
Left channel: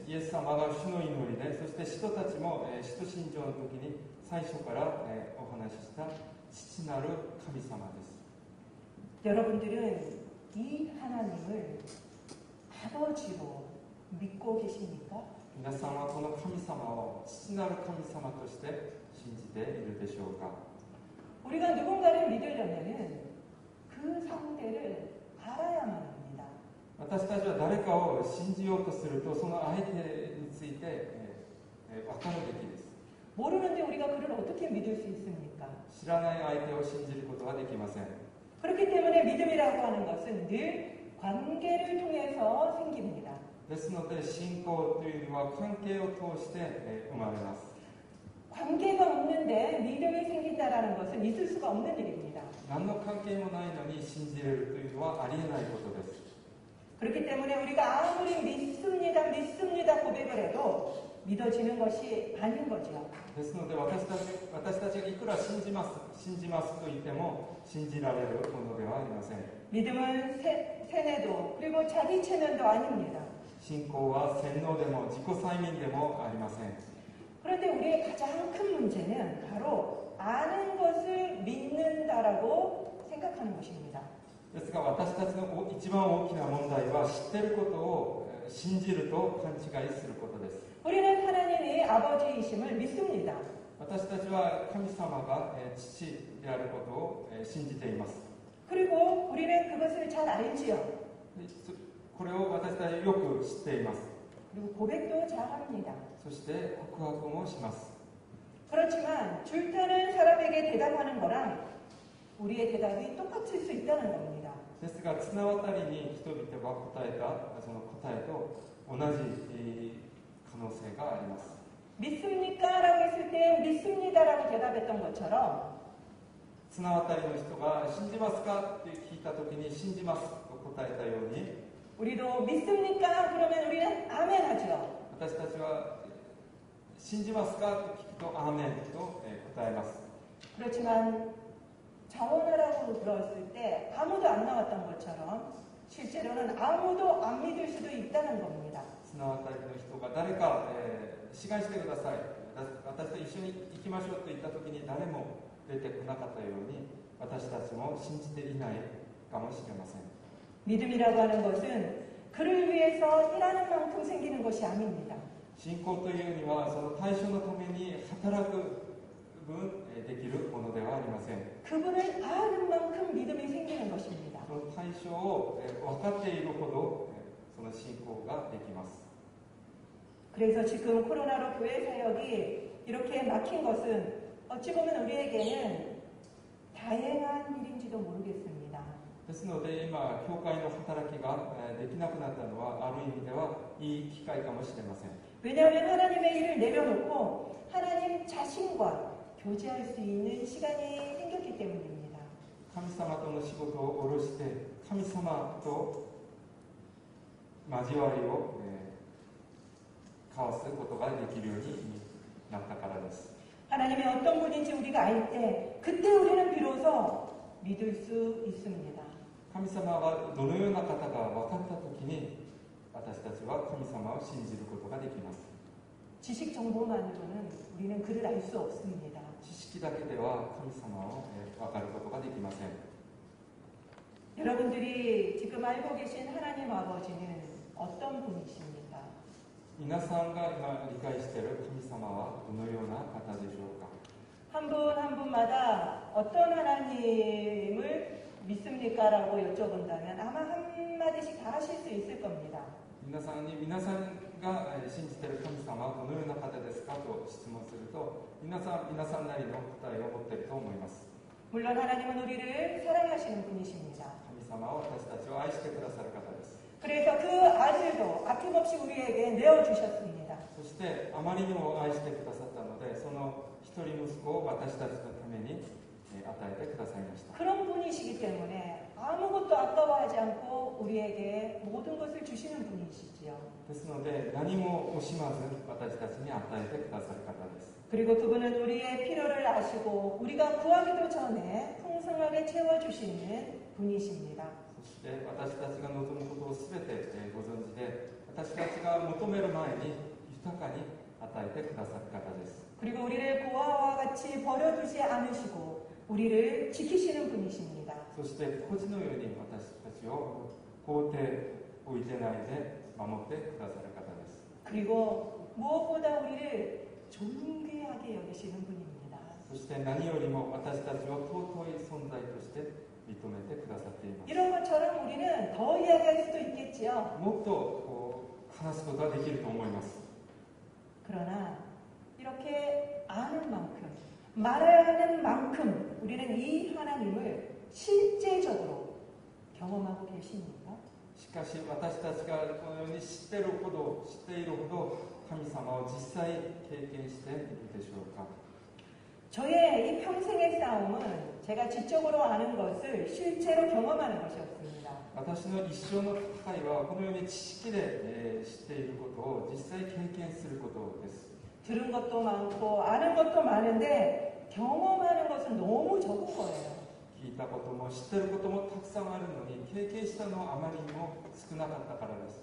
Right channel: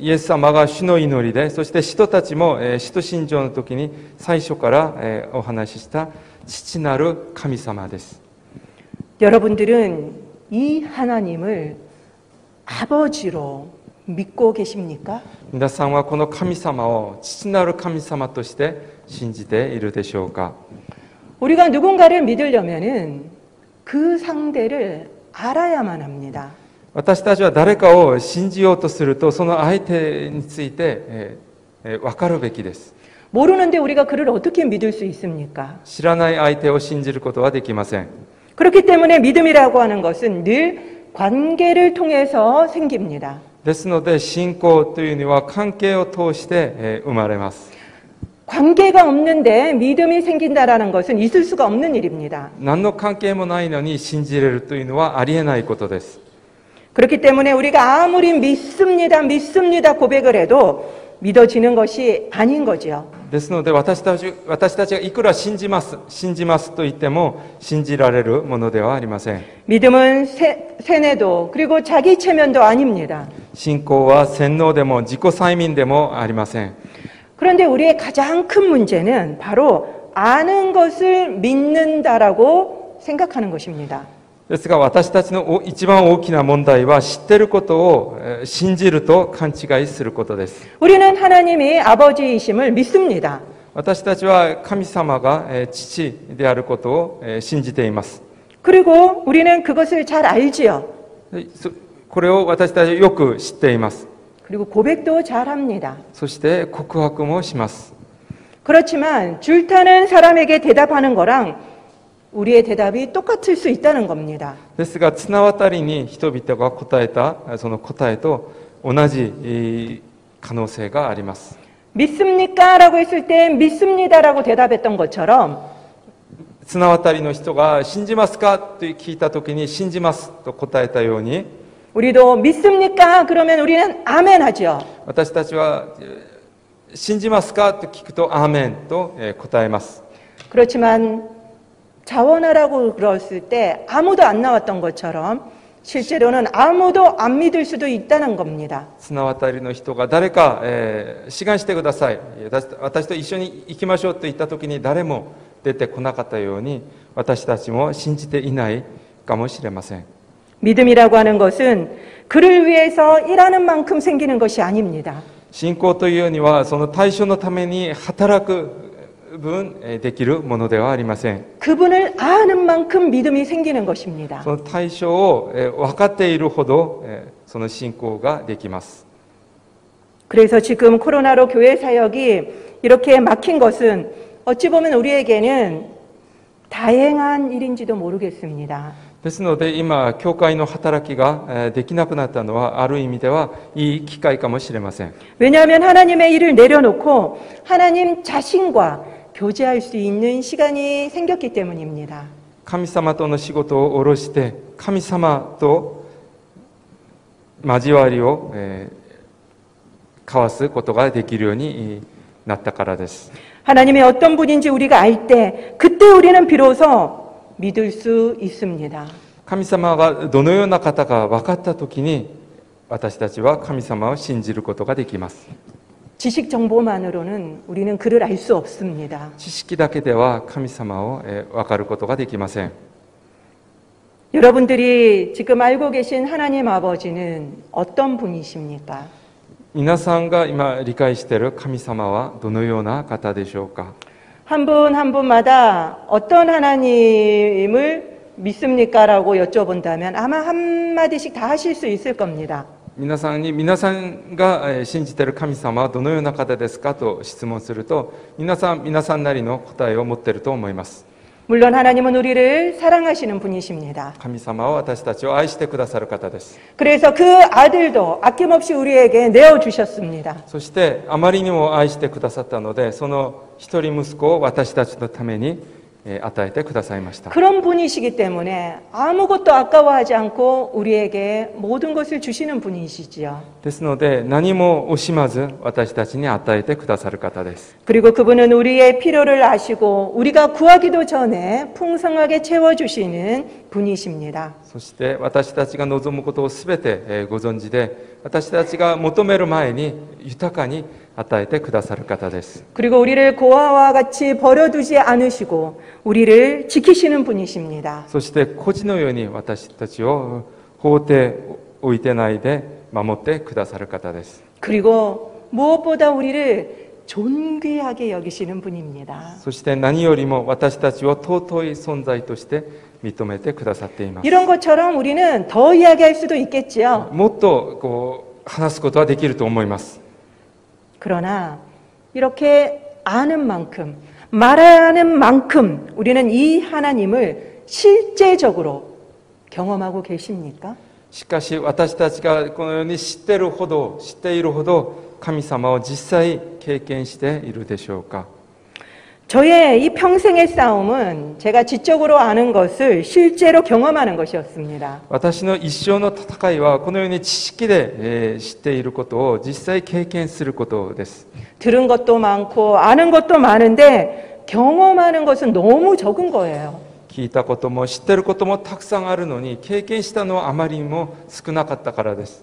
イエス様が主の祈りで、そして使徒たちも使徒信条の時に最初からお話しした父なる神様です。 여러분들은 이 하나님을 아버지로 믿고 계십니까? 皆さんはこの神様を父なる神様として信じているでしょうか。 우리가 누군가를 믿으려면은 그 상대를 알아야만 합니다. 私たちは誰かを信じようとするとその相手について分かるべきです。 모르는데 우리가 그를 어떻게 믿을 수 있습니까? 知らない相手を信じることはできません。 그렇기 때문에 믿음이라고 하는 것은 늘 관계를 통해서 생깁니다. ですので信仰というのは関係を通して生まれます。 관계가 없는데 믿음이 생긴다라는 것은 있을 수가 없는 일입니다. 何の関係もないのに信じれるというのはありえないことです。 그렇기 때문에 우리가 아무리 믿습니다, 믿습니다 고백을 해도 믿어지는 것이 아닌 거지요. ですので私たちがいくら信じますと言っても信じられるものではありません。 믿음은 세뇌도 그리고 자기 체면도 아닙니다. 信仰は洗脳でも自己催眠でもありません。 그런데 우리의 가장 큰 문제는 바로 아는 것을 믿는다라고 생각하는 것입니다. ですが私たちの一番大きな問題は知っていることを信じると勘違いすることです。 우리는 하나님이 아버지이심을 믿습니다. 私たちは神様が父であることを信じています。 그리고 우리는 그것을 잘 알지요. これを私たちはよく知っています。 그리고 고백도 잘 합니다. そして告白もします。 그렇지만 줄타는 사람에게 대답하는 거랑 우리의 대답이 똑같을 수 있다는 겁니다. ですが綱渡りに人々が答えたその答えと同じ可能性があります。 믿습니까? 라고 했을 때 믿습니다라고 대답했던 것처럼 綱渡りの人が信じますかと聞いたときに信じますと答えたように 우리도 믿습니까? 그러면 우리는 아멘 하죠. 私たちは信じますかと聞くとアーメンと答えます。 그렇지만 자원하라고 그랬을 때 아무도 안 나왔던 것처럼 실제로는 아무도 안 믿을 수도 있다는 겁니다. 綱渡りの人が誰か志願してください、私と一緒に行きましょうと言ったときに誰も出てこなかったように私たちも信じていないかもしれません。 믿음이라고 하는 것은 그를 위해서 일하는 만큼 생기는 것이 아닙니다. 信仰というようにはその対象のために働く分できるものではありません。 그분을 아는 만큼 믿음이 생기는 것입니다. その対象を分かっているほどその信仰ができます。 그래서 지금 코로나로 교회 사역이 이렇게 막힌 것은 어찌 보면 우리에게는 다행한 일인지도 모르겠습니다. ですので今教会の働きができなくなったのはある意味ではいい機会かもしれません。 왜냐하면 하나님의 일을 내려놓고 하나님 자신과 교제할 수 있는 시간이 생겼기 때문입니다. 神様との仕事を下ろして神様と交わりを交わすことができるようになったからです。 하나님이 어떤 분인지 우리가 알 때 그때 우리는 비로소 믿을 수 있습니다. 神様がどのような方か分かったときに私たちは神様を信じることができます。 지식 정보만으로는 우리는 그를 알 수 없습니다. 知識だけでは神様を分かることができません。 여러분들이 지금 알고 계신 하나님 아버지는 어떤 분이십니까? 皆さんが今理解している神様はどのような方でしょうか。 한 분 한 분마다 어떤 하나님을 믿습니까? 라고 여쭤본다면 아마 한마디씩 다 하실 수 있을 겁니다. 皆さんが信じている神様はどのような方ですかと質問すると皆さんなりの答えを持っていると思います。 물론 하나님은 우리를 사랑하시는 분이십니다. 神様は私たちを愛してくださる方です。 그래서 그 아들도 아낌없이 우리에게 내어주셨습니다. そしてあまりにも愛してくださったのでその一人息子を私たちのために与えてくださいました。 그런 분이시기 때문에 아무것도 아까워하지 않고 우리에게 모든 것을 주시는 분이시지요. ですので何も惜しまず私たちに与えてくださる方です。 그리고 그분은 우리의 필요를 아시고 우리가 구하기도 전에 풍성하게 채워주시는 분이십니다. そして私たちが望むことをすべてご存知で私たちが求める前に豊かに与えてくださる方です。 그리고 우리를 고아와 같이 버려두지 않으시고 우리를 지키시는 분이십니다. そして孤児のように私たちを放っておいてないで守ってくださる方です。 그리고 무엇보다 우리를 존귀하게 여기시는 분입니다. そして何よりも私たちを尊い存在として認めてくださっています。 이런 것처럼 우리는 더 이야기할 수도 있겠지요. もっと話すことはできると思います。 그러나 이렇게 아는 만큼 말하는 만큼 우리는 이 하나님을 실제적으로 경험하고 계십니까? しかし私たちがこのように知っているほど神様を実際経験しているでしょうか。 저의 이 평생의 싸움은 제가 지적으로 아는 것을 실제로 경험하는 것이었습니다. 私の一生の戦いはこのように知識で知っていることを実際経験することです。 들은 것도 많고 아는 것도 많은데 경험하는 것은 너무 적은 거예요. 聞いたことも知っていることもたくさんあるのに経験したのはあまりにも少なかったからです。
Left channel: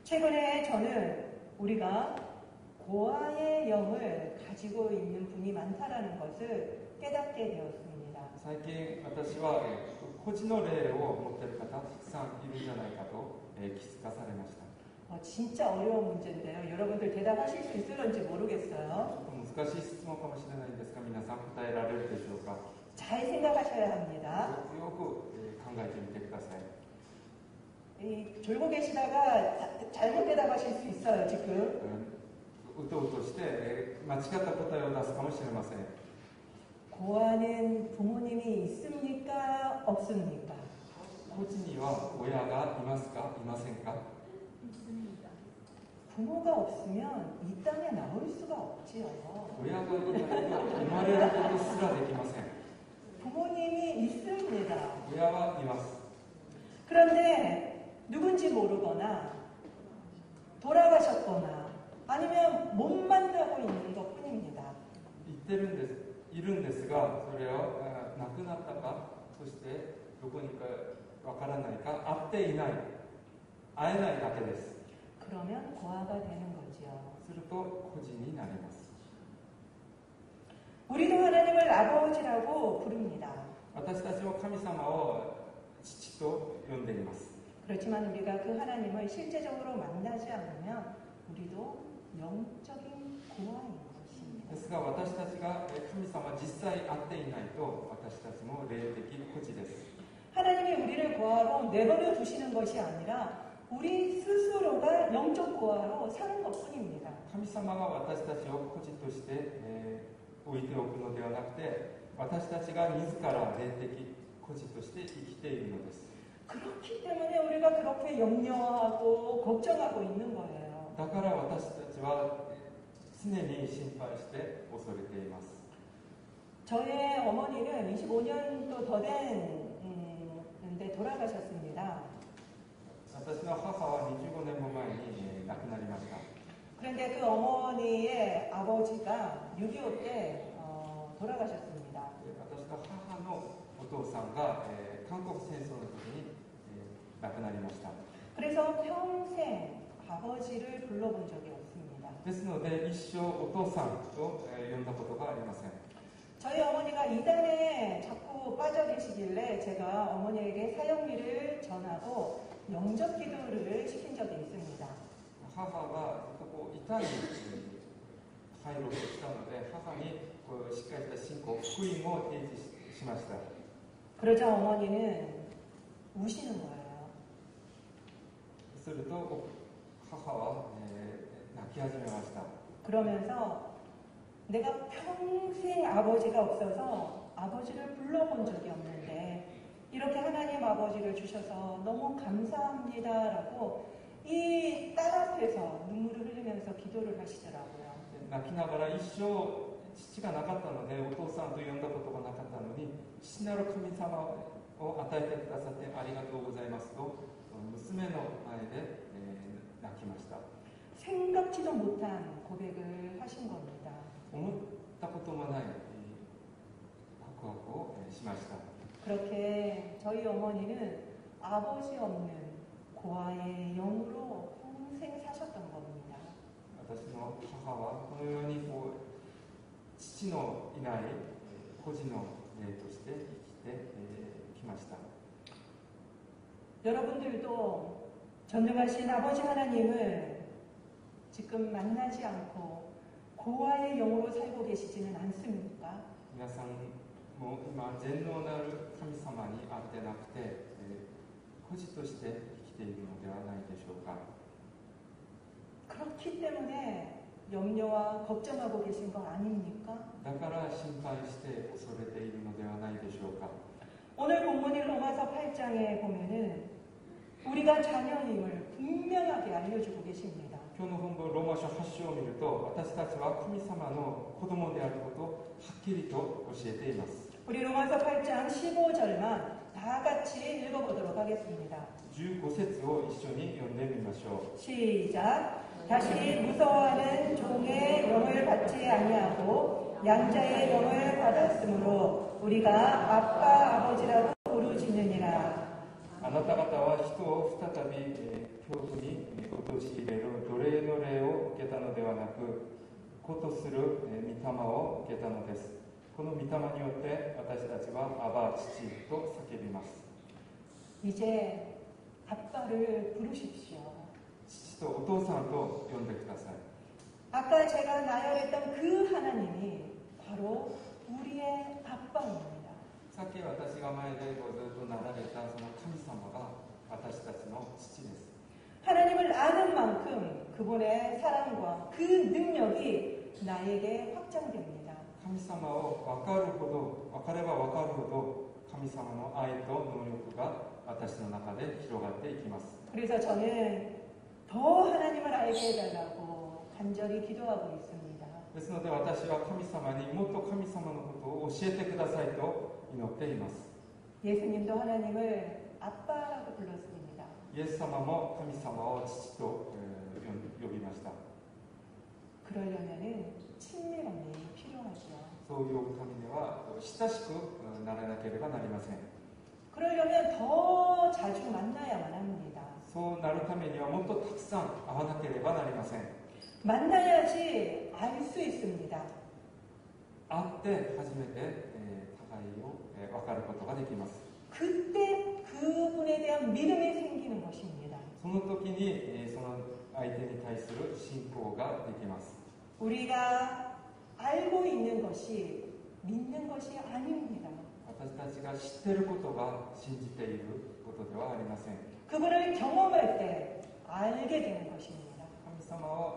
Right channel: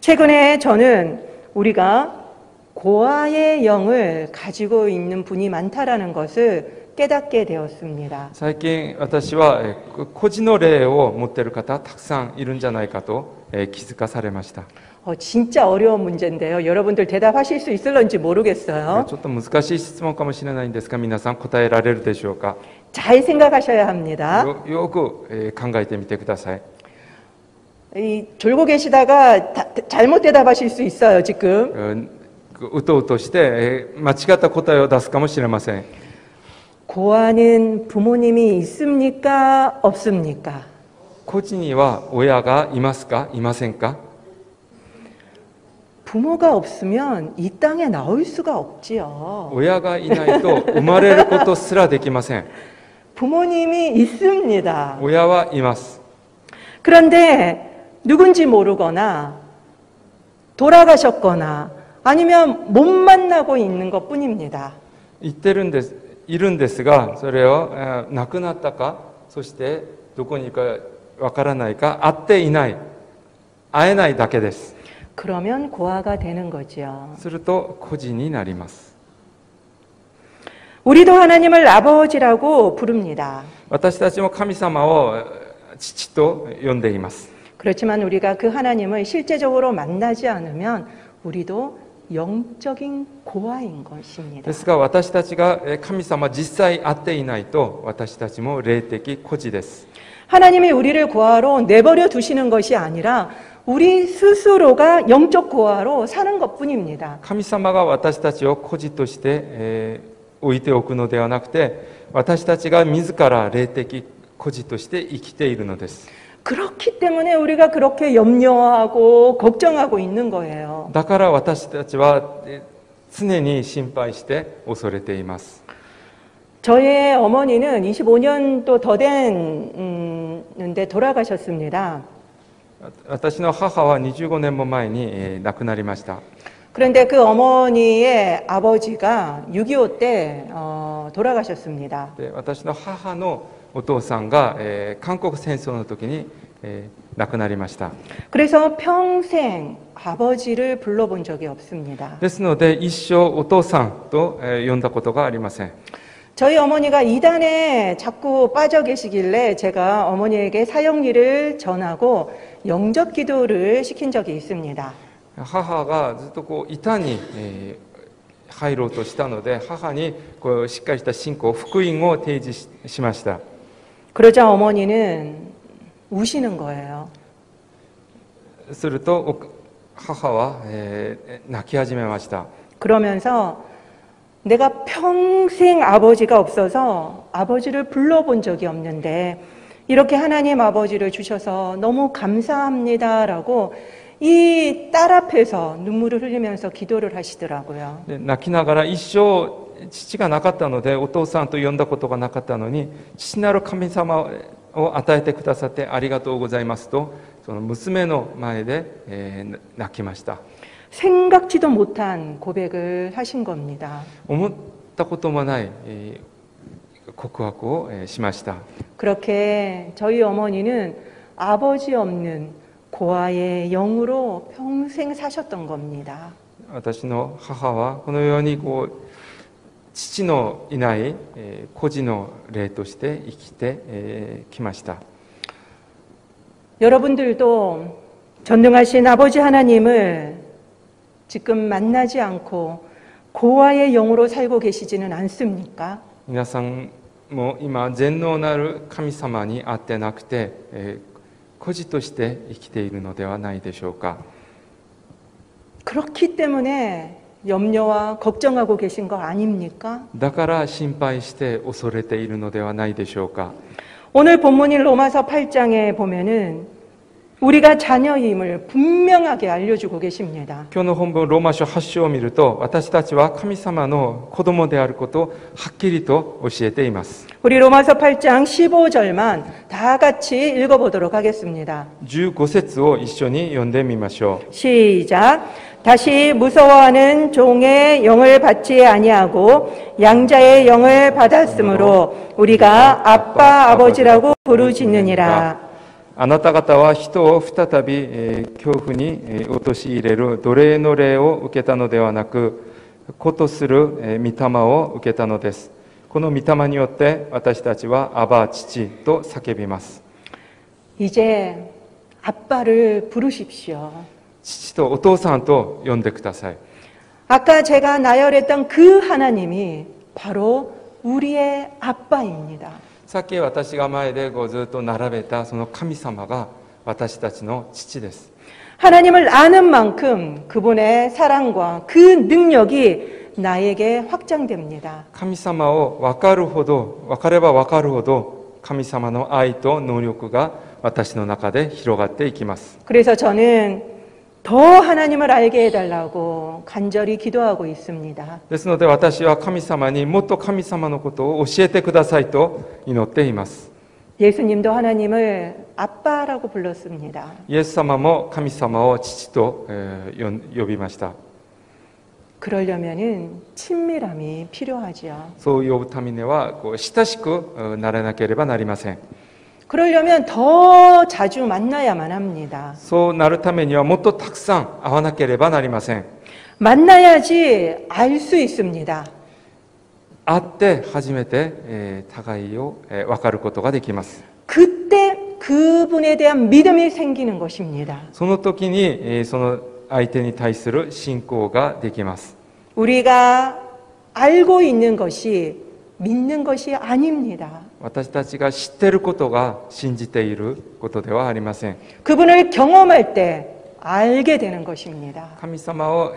최근에 저는 우리가 고아의 영을 가지고 있는 분이 많다라는 것을 깨닫게 되었습니다. 最近私は孤児の霊を持っている方たくさんいるんじゃないかと気づかされました。 진짜 어려운 문제인데요. 여러분들 대답하실 수 있을런지 ち 모르겠어요. ょっと難しい質問かもしれないんですが皆さん答えられるでしょうか。 잘 생각하셔야 합니다. よく考えてみてください。 이 졸고 계시다가 잘못 대답하실 수 있어요, 지금. うとうとして間違った答えを出すかもしれません。 고아는 부모님이 있습니까? 없습니까? 孤児には親がいますかいませんか。 부모가 없으면 이 땅에 나올 수가 없지요. 親がいないと生まれることすらできません。 부모님이 있습니다. 親はいます。 그런데 누군지 모르거나 돌아가셨거나 아니면 못 만나고 있는 것 뿐입니다. いるんですがそれを亡くなったかそしてどこにいるかわからないか会っていない会えないだけです。 그러면 고아가 되는 거지요. すると孤児になります。 우리도 하나님을 아버지라고 부릅니다. 私たちも神様を父と呼んでいます。 그렇지만 우리가 그 하나님을 실제적으로 만나지 않으면 우리도 영적인 고아인 것입니다. ですが私たちが神様実際会っていないと私たちも霊的孤児です。 하나님이 우리를 고아로 내버려 두시는 것이 아니라 우리 스스로가 영적 고아로 사는 것뿐입니다. 神様が私たちを孤児として、置いておくのではなくて私たちが自ら霊的孤孤児として生きているのです。 그렇기 때문에 우리가 그렇게 염려하고 걱정하고 있는 거예요. だから私たちは常に心配して恐れています。 저의 어머니는 25년도 더 됐는데 돌아가셨습니다. 私の母は25年も前に亡くなりました。 그런데 그 어머니의 아버지가 6.25 때 돌아가셨습니다. で私の母のお父さんが韓国戦争の時に亡くなりました。 그래서 평생 아버지를 불러본 적이 없습니다. ですので一生お父さんと呼んだことがありません。 저희 어머니가 이단에 자꾸 빠져 계시길래 제가 어머니에게 사형리를 전하고 영접 기도를 시킨 적이 있습니다. 母がずっとこう板に入ろうとしたので、母にこうしっかりした信仰、福音を提示しました。 그러자 어머니는 우시는 거예요. すると母は泣き始めました。 그러면서 내가 평생 아버지가 없어서 아버지를 불러본 적이 없는데 이렇게 하나님 아버지를 주셔서 너무 감사합니다라고 이 딸 앞에서 눈물을 흘리면서 기도를 하시더라고요. で泣きながら一生父がなかったのでお父さんと呼んだことがなかったのに、父なる神様を与えてくださってありがとうございますと、その娘の前で泣きました。 생각지도 못한 고백을 하신 겁니다. 思ったこともない告白をしました。 그렇게 저희 어머니는 아버지 없는 고아의 영으로 평생 사셨던 겁니다. 私の母はこのようにこう父のいない孤児の霊として生きてきました。 여러분들도 전능하신 아버지 하나님을 지금 만나지 않고 고아의 영으로 살고 계시지는 않습니까? 皆さんも今全能なる神様に会ってなくて孤児として生きているのではないでしょうか。 그렇기 때문에 염려와 걱정하고 계신 거 아닙니까? だから心配して恐れているのではないでしょうか。 오늘 본문인 로마서 8장에 보면은 우리가 자녀임을 분명하게 알려주고 계십니다. 今日の本文ローマ書8章を見ると、私たちは神様の子供であることをはっきりと教えています。 우리 로마서 8장 15절만 다 같이 읽어보도록 하겠습니다. 15節を一緒に読んでみましょう。 시작. 다시 무서워하는 종의 영을 받지 아니하고 양자의 영을 받았으므로 우리가 아빠 아버지라고 부르짖느니라. あなた方は人を再び恐怖に陥れる奴隷の霊を受けたのではなく、子とする御霊を受けたのです。この御霊によって私たちはアバ父と叫びます。 이제 아빠를 부르십시오. 父とお父さんと呼んでください。 아까 제가 나열했던 그 하나님이 바로 우리의 아빠입니다. さっき私が前でずっと並べたその神様が私たちの父です。 하나님을 아는 만큼 그분의 사랑과 그 능력이 나에게 확장됩니다. 神様を分かるほど、分かれば分かるほど神様の愛と能力が私の中で広がっていきます。 그래서 저는 더 하나님을 알게 해달라고 간절히 기도하고 있습니다. ですので私は神様にもっと神様のことを教えてくださいと祈っています。 예수님도 하나님을 아빠라고 불렀습니다. イエス様も神様を父と呼びました。 그러려면은 친밀함이 필요하지요. そう呼ぶためには親しくならなければなりません。 그러려면 더 자주 만나야만 합니다. そうなるためにはもっとたくさん会わなければなりません。 만나야지 알 수 있습니다. 会って初めて互いを分かることができます。 그때 그분에 대한 믿음이 생기는 것입니다. その時にその相手に対する信仰ができます。 우리가 알고 있는 것이 믿는 것이 아닙니다. 私たちが知っていることが信じていることではありません。 그분을 경험할 때 알게 되는 것입니다. 神様を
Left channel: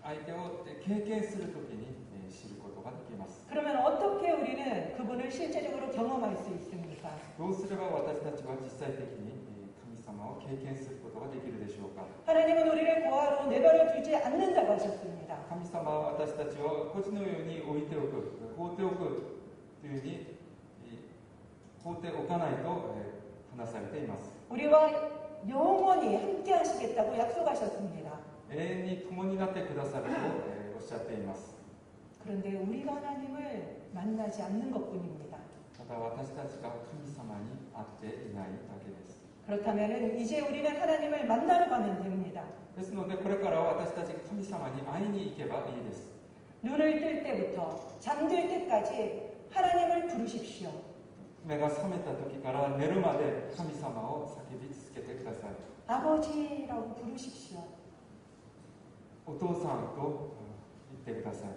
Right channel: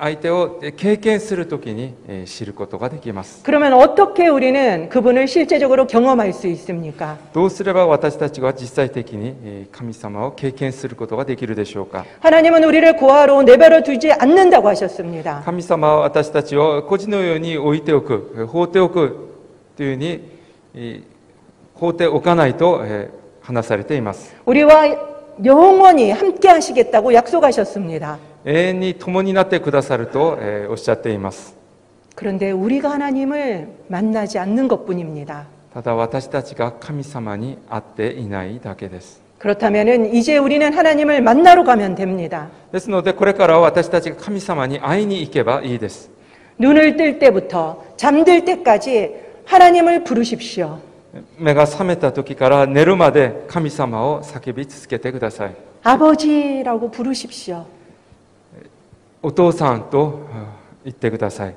相手を経験するときに知ることができます。 그러면 어떻게 우리는 그분을 실제적으로 경험할 수 있습니까? どうすれば私たちは実際的に神様を経験することができるでしょうか。 하나님은 우리를 고아로 내버려 두지 않는다고 하셨습니다. 神様は私たちを孤児のように置いておく、放っておくというふうに放っておかないと話されています。 우리와 영원히 함께 하시겠다고 약속하셨습니다. 永遠に共になってくださるとおっしゃっています。 그런데 우리가 하나님을 만나지 않는 것뿐입니다. ただ私たちが神様に会っていないだけです。 그렇다면 이제 우리는 하나님을 만나러 가면 됩니다. ですのでこれからは私たちが神様に会いに行けばいいです。 눈을 뜰 때부터 잠들 때까지 하나님을 부르십시오. 目が覚めた時から寝るまで神様を叫び続けてください。 아버지라고 부르십시오. お父さんと言ってください。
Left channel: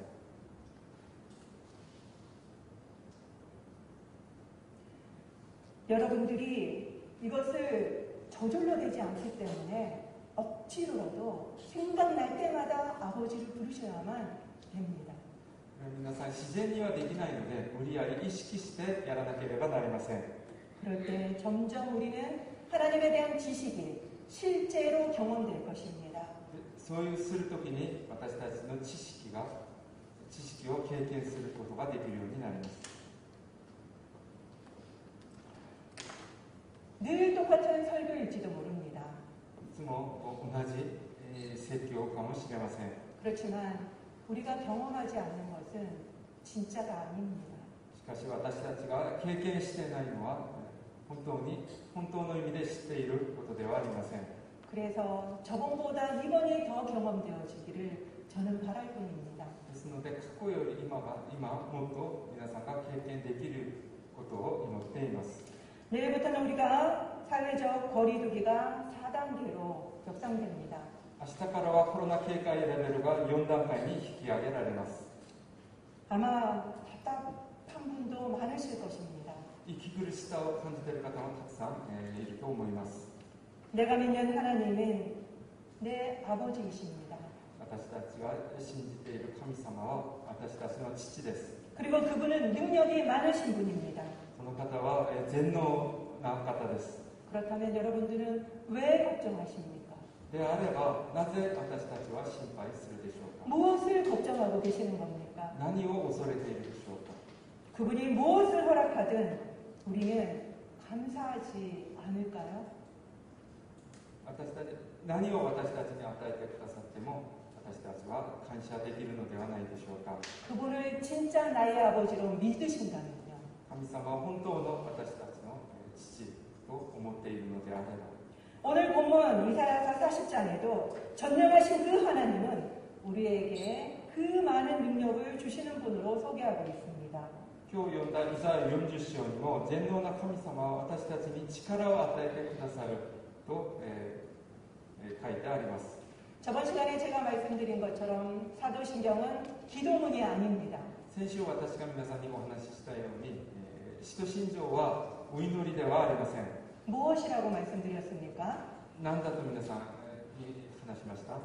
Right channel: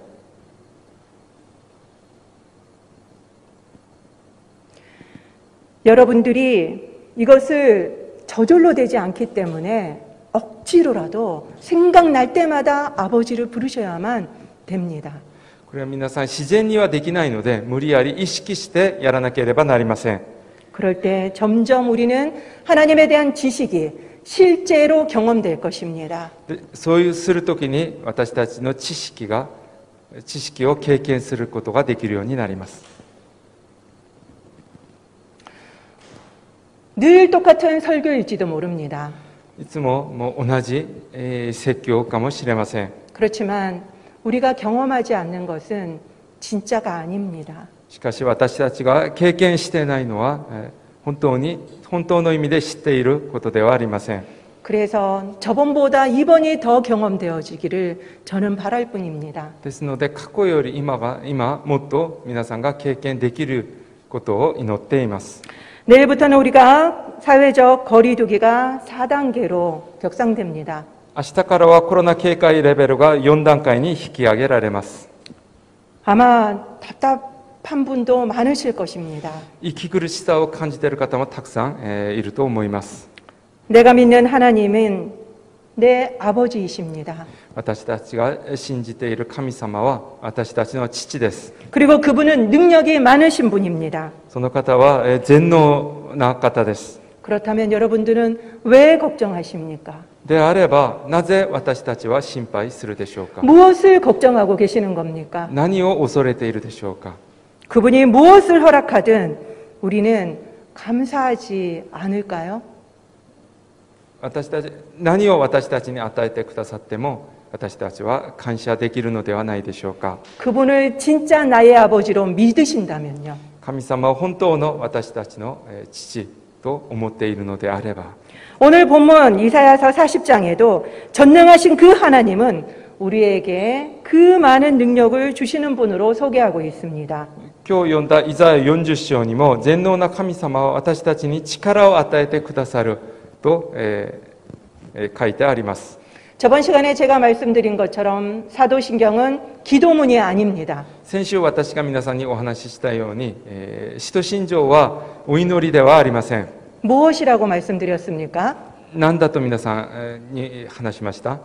여러분들이 이것을 저절로 되지 않기 때문에 억지로라도 생각날 때마다 아버지를 부르셔야만 됩니다. これは皆さん自然にはできないので無理やり意識してやらなければなりません。 그럴 때 점점 우리는 하나님에 대한 지식이 실제로 경험될 것입니다. でそうするときに私たちの知識を経験することができるようになります。 늘 똑같은 설교일지도 모릅니다. いつも同じ説教かもしれません。 그렇지만 우리가 경험하지 않는 것은 진짜가 아닙니다. しかし私たちが経験していないのは本当の意味で知っていることではありません。 그래서 저번보다 이번이 더 경험되어지기를 저는 바랄 뿐입니다. ですので過去より今もっと皆さんが経験できることを祈っています。 내일부터는 우리가 사회적 거리두기가 4단계로 격상됩니다. 明日からはコロナ警戒レベルが4段階に引き上げられます。 아마 답답한 분도 많으실 것입니다. 息苦しさを感じている方もたくさんいると思います。 내가 믿는 하나님은 내 아버지이십니다. 私たちが信じている神様は私たちの父です。 그리고 그분은 능력이 많으신 분입니다. その方は全能な方です。 그렇다면 여러분들은 왜 걱정하십니까? であればなぜ私たちは心配するでしょうか。 무엇을 걱정하고 계시는 겁니까? 何を恐れているでしょうか。 그분이 무엇을 허락하든 우리는 감사하지 않을까요? 何を私たちに与えてくださっても私たちは感謝できるのではないでしょうか。 그분을 진짜 나의 아버지로 믿으신다면요. 神様は本当の私たちの父と思っているのであれば 오늘 본문 이사야서 40장에도 전능하신 그 하나님은 우리에게 그 많은 능력을 주시는 분으로 소개하고 있습니다. 今日読んだイザヤ40章にも全能な神様は私たちに力を与えてくださると書いてあります。 저번 시간에 제가 말씀드린 것처럼 사도신경은 기도문이 아닙니다. 先週私が皆さんにお話ししたように使徒信条はお祈りではありません。 무엇이라고 말씀드렸습니까? 何だと皆さんに話しました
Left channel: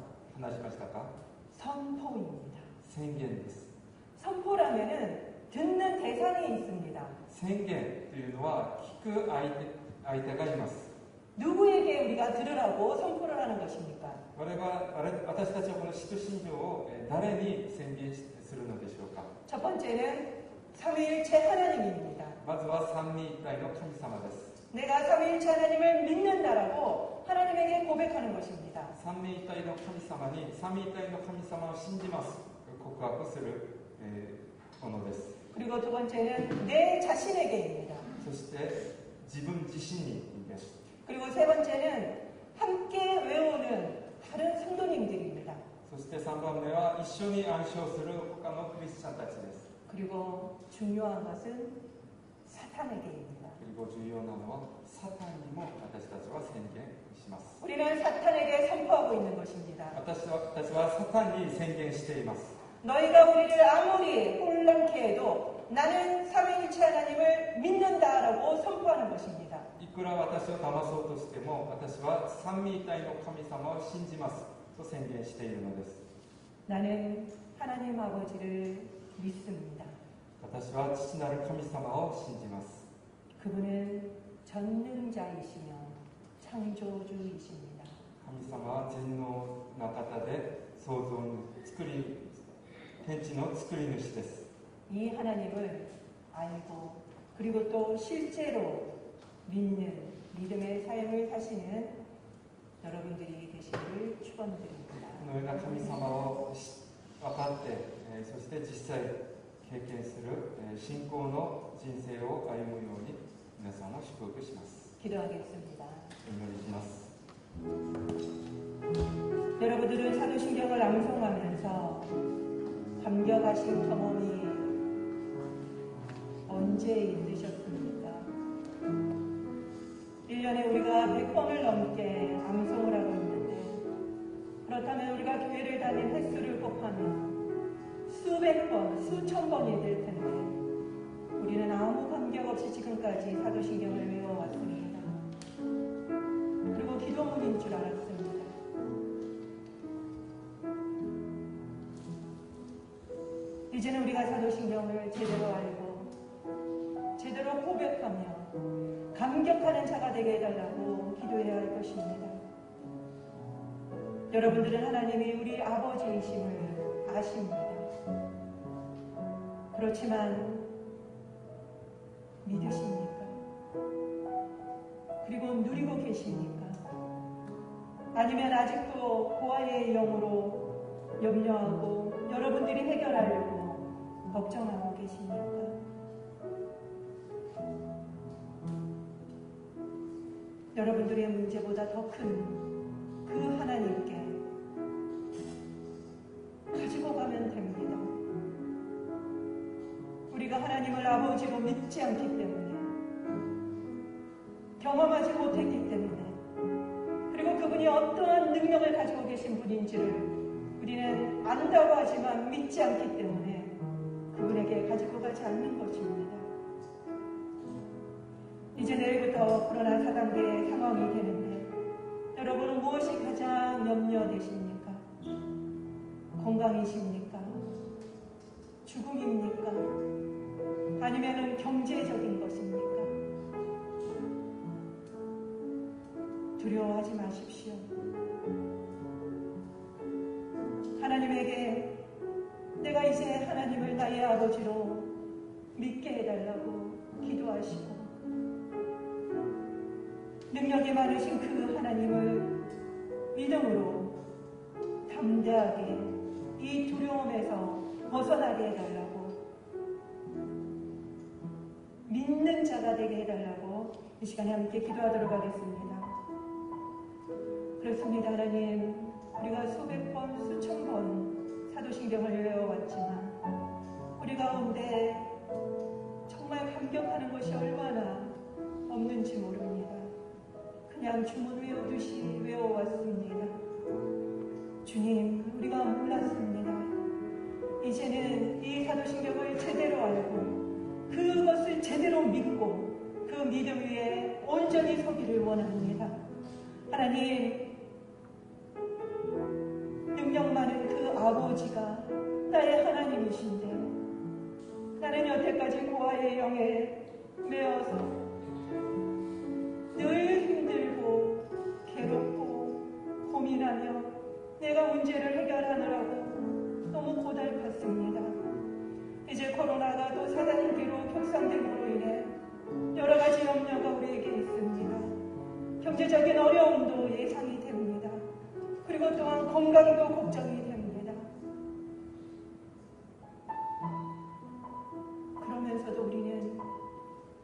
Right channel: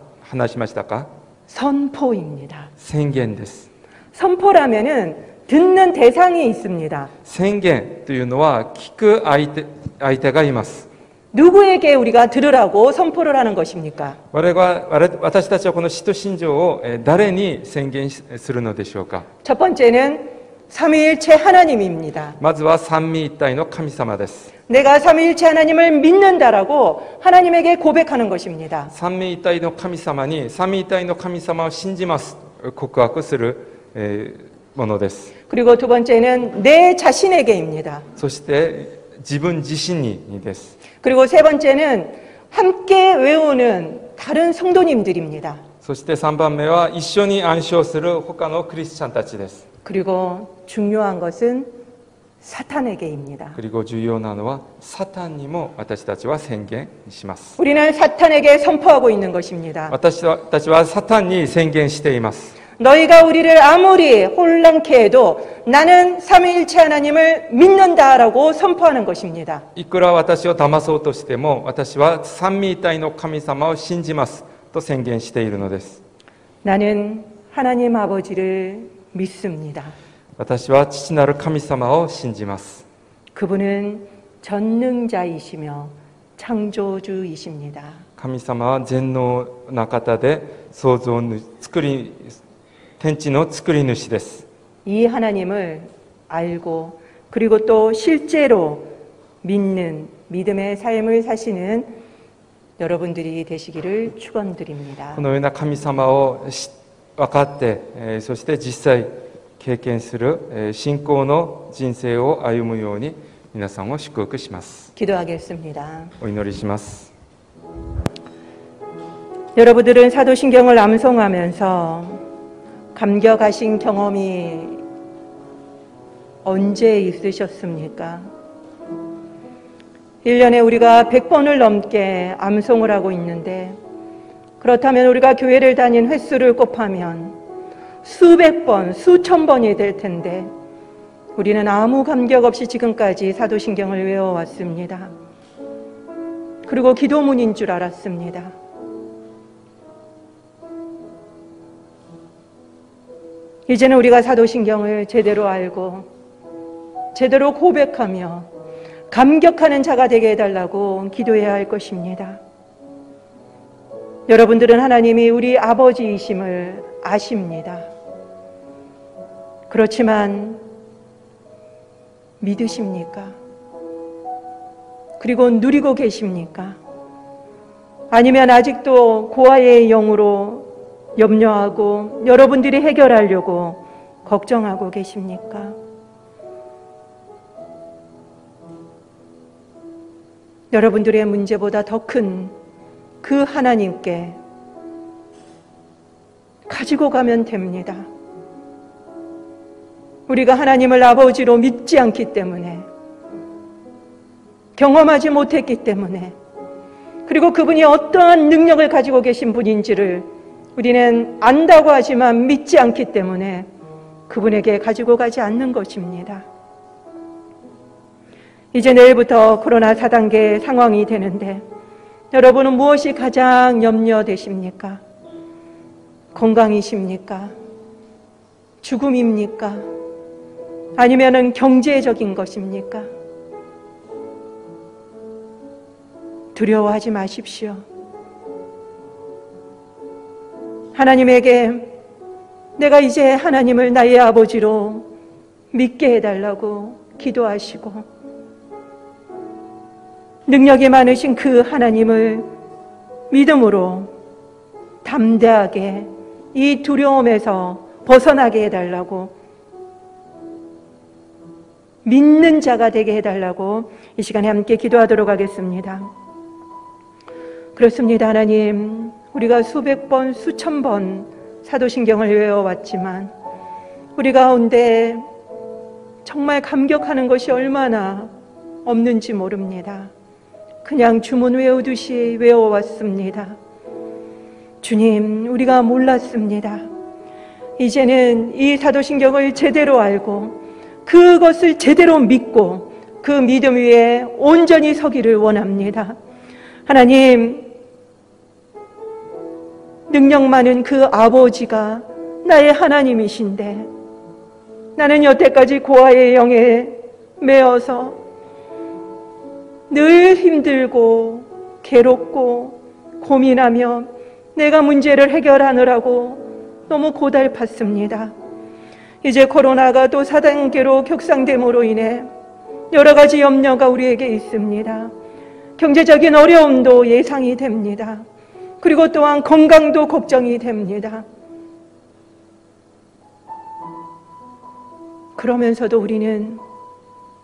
か？ 선포입니다. 宣言です。 선포라면은 듣는 대상이 있습니다. 宣言というのは聞く相手がいます。 누구에게 우리가 들으라고 선포를 하는 것입니까? 私たちはこの使徒信条を誰に宣言するのでしょうか。 첫 번째는 삼위일체 하나님입니다. まずは三位一体の神様です。 내가 삼위일체 하나님을 믿는다라고 하나님에게 고백하는 것입니다. 三位一体の神様に三位一体の神様を信じます告白するものです。 그리고 두 번째는 내 자신에게입니다. そして自分自身にです。 그리고 세 번째는 함께 외우는 다른 성도님들입니다. そして3番目は一緒に暗唱する他のクリスチャンたちです。 그리고 중요한 것은 사탄에게입니다. 그리고 重要なのはサタンにも私たちは宣言します。 우리는 사탄에게 선포하고 있는 것입니다. 私たちはサタンに宣言しています。 너희가 우리를 아무리 혼란케 해도 나는 삼위일체 하나님을 믿는다라고 선포하는 것입니다. いくら私を騙そうとしても私は三位一体の神様を信じますと宣言しているのです。 나는 하나님 아버지를 믿습니다. 私は父なる神様を信じます。 그분은 전능자이시며 창조주이십니다. 神様は全能な方で創造主、天地の作り主です。 이 하나님을 알고 그리고 또 실제로 믿는 믿음의 삶을 사시는 여러분들이 되시기를 축원드립니다. このような神様を分かって、そして実際経験する信仰の人生を歩むように皆さんを祝福します。 기도하겠습니다. お祈りします。 여러분들은 사도신경을 암송하면서 감격하신 경험이 언제 있으셨습니까? 1년에 우리가 100번을 넘게 암송을 하고 있는데 그렇다면 우리가 교회를 다닌 횟수를 곱하면 수백 번, 수천 번이 될 텐데 우리는 아무 감격 없이 지금까지 사도신경을 외워왔습니다. 그리고 기도문인 줄 알았습니다. 이제는 우리가 사도신경을 제대로 알고 제대로 고백하며 감격하는 자가 되게 해달라고 기도해야 할 것입니다. 여러분들은 하나님이 우리 아버지이심을 아십니다. 그렇지만 믿으십니까? 그리고 누리고 계십니까? 아니면 아직도 고아의 영으로 염려하고 여러분들이 해결하려고 걱정하고 계십니까? 여러분들의 문제보다 더 큰 그 하나님께 가지고 가면 됩니다. 우리가 하나님을 아버지로 믿지 않기 때문에, 경험하지 못했기 때문에, 그리고 그분이 어떠한 능력을 가지고 계신 분인지를 우리는 안다고 하지만 믿지 않기 때문에 그분에게 가지고 가지 않는 것입니다. 이제 내일부터 코로나 4단계 상황이 되는데 여러분은 무엇이 가장 염려되십니까? 건강이십니까? 죽음입니까? 아니면은 경제적인 것입니까? 두려워하지 마십시오. 하나님에게 내가 이제 하나님을 나의 아버지로 믿게 해달라고 기도하시고 능력이 많으신 그 하나님을 믿음으로 담대하게 이 두려움에서 벗어나게 해달라고, 믿는 자가 되게 해달라고 이 시간에 함께 기도하도록 하겠습니다. 그렇습니다. 하나님, 우리가 수백 번, 수천 번 사도신경을 외워왔지만 우리 가운데 정말 감격하는 것이 얼마나 없는지 모릅니다. 그냥 주문 외우듯이 외워왔습니다. 주님, 우리가 몰랐습니다. 이제는 이 사도신경을 제대로 알고 그것을 제대로 믿고 그 믿음 위에 온전히 서기를 원합니다. 하나님, 능력 많은 그 아버지가 나의 하나님이신데 나는 여태까지 고아의 영에 매어서 늘 힘들고 괴롭고 고민하며 내가 문제를 해결하느라고 너무 고달팠습니다. 이제 코로나가 또 4단계로 격상됨으로 인해 여러 가지 염려가 우리에게 있습니다. 경제적인 어려움도 예상이 됩니다. 그리고 또한 건강도 걱정이 됩니다. 그러면서도 우리는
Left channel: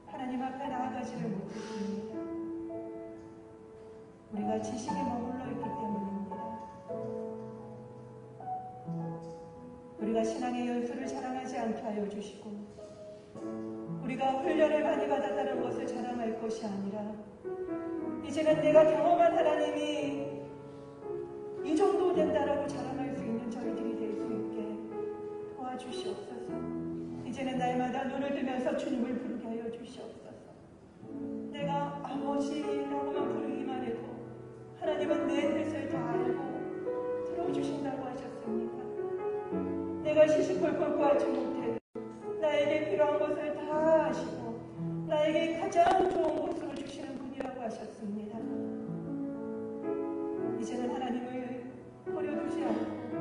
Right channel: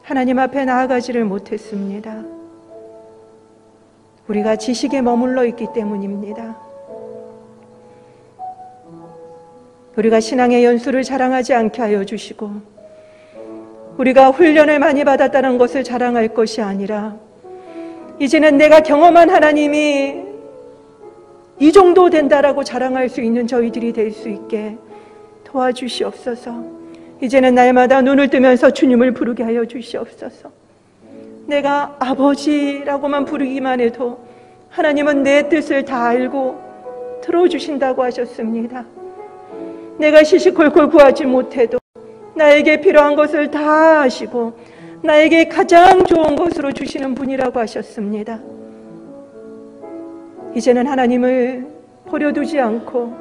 하나님 앞에 나아가지를 못했습니다. 우리가 지식에 머물러 있기 때문입니다. 우리가 신앙의 연수를 자랑하지 않게 하여 주시고 우리가 훈련을 많이 받았다는 것을 자랑할 것이 아니라 이제는 내가 경험한 하나님이 이 정도 된다라고 자랑할 수 있는 저희들이 될 수 있게 도와주시옵소서. 이제는 날마다 눈을 뜨면서 주님을 부르게 하여 주시옵소서. 내가 아버지라고만 부르기만 해도 하나님은 내 뜻을 다 알고 들어주신다고 하셨습니다. 내가 시시콜콜 구하지 못해도 나에게 필요한 것을 다 아시고 나에게 가장 좋은 것으로 주시는 분이라고 하셨습니다. 이제는 하나님을 버려두지 않고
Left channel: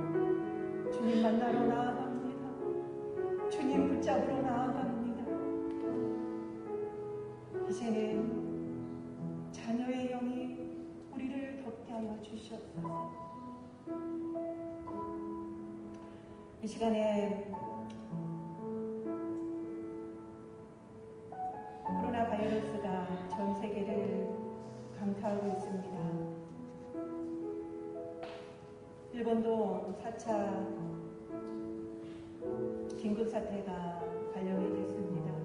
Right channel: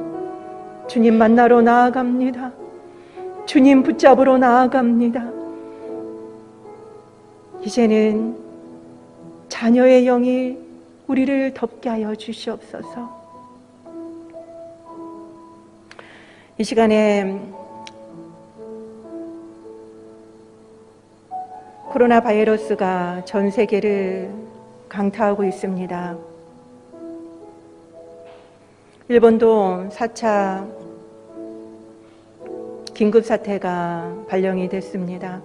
주님 만나러 나아갑니다. 주님 붙잡으러 나아갑니다. 이제는 자녀의 영이 우리를 덮게 하여 주시옵소서. 이 시간에 코로나 바이러스가 전 세계를 강타하고 있습니다. 일본도 4차 긴급사태가 발령이 됐습니다.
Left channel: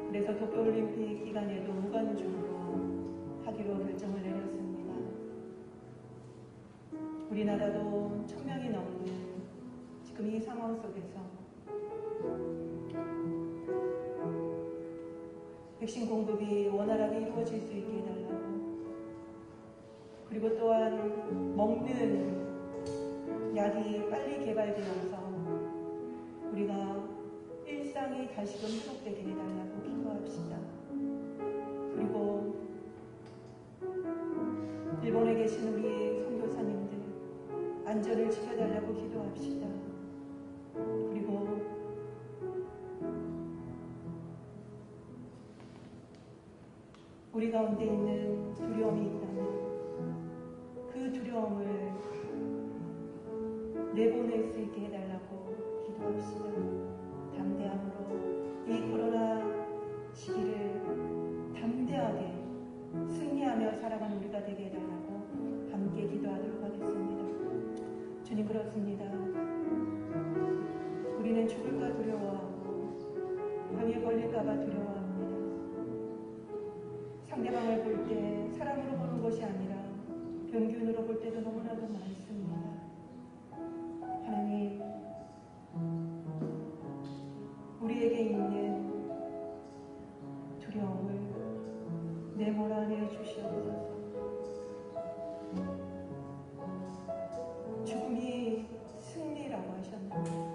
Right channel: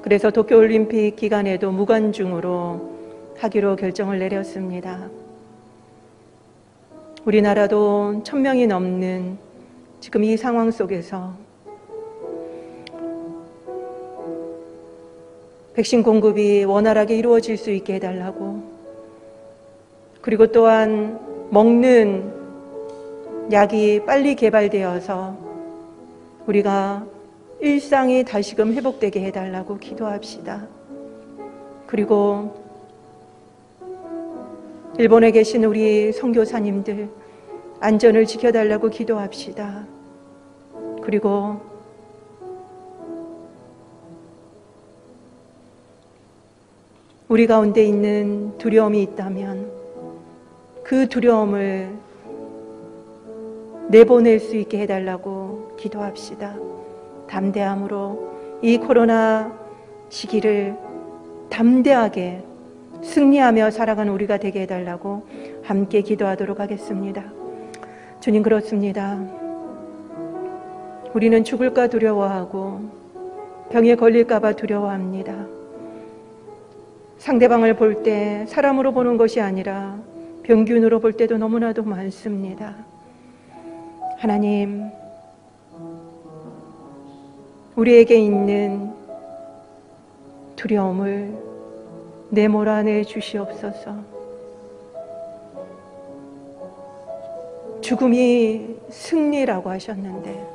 그래서 도쿄올림픽 기간에도 무관중으로 하기로 결정을 내렸습니다. 우리나라도 1000명이 넘는 지금 이 상황 속에서 백신 공급이 원활하게 이루어질 수 있게 해달라고, 그리고 또한 먹는 약이 빨리 개발되어서 우리가 일상이 다시금 회복되게 해달라고 기도합시다. 그리고 일본에 계신 우리 선교사님들 안전을 지켜달라고 기도합시다. 그리고 우리 가운데 있는 두려움이 있다면 그 두려움을 내보낼 수 있게 해달라고 기도합시다. 담대함으로 이 코로나 시기를 담대하게 승리하며 살아가는 우리가 되게 해달라고 함께 기도하도록 하겠습니다. 주님, 그렇습니다. 우리는 죽을까 두려워하고 병에 걸릴까 봐 두려워합니다. 상대방을 볼 때 사람으로 보는 것이 아니라 병균으로 볼 때도 너무나도 많습니다. 하나님, 우리에게 있는 두려움을 내몰아내 주시옵소서. 죽음이 승리라고 하셨는데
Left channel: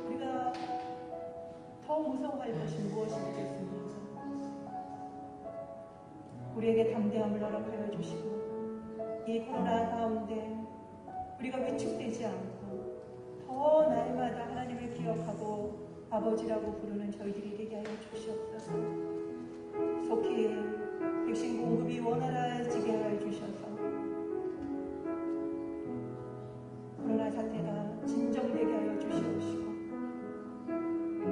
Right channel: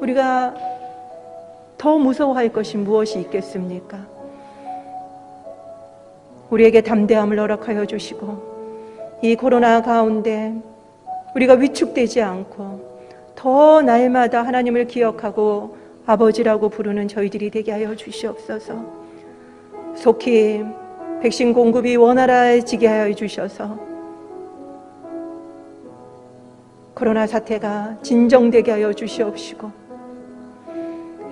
우리가 더 무서워할 것이 무엇이 있겠습니까? 우리에게 담대함을 허락하여 주시고 이 코로나 가운데 우리가 위축되지 않고 더 날마다 하나님을 기억하고 아버지라고 부르는 저희들이 되게 하여 주시옵소서. 속히 백신 공급이 원활해지게 하여 주셔서 코로나 사태가 진정되게 하여 주시옵시고,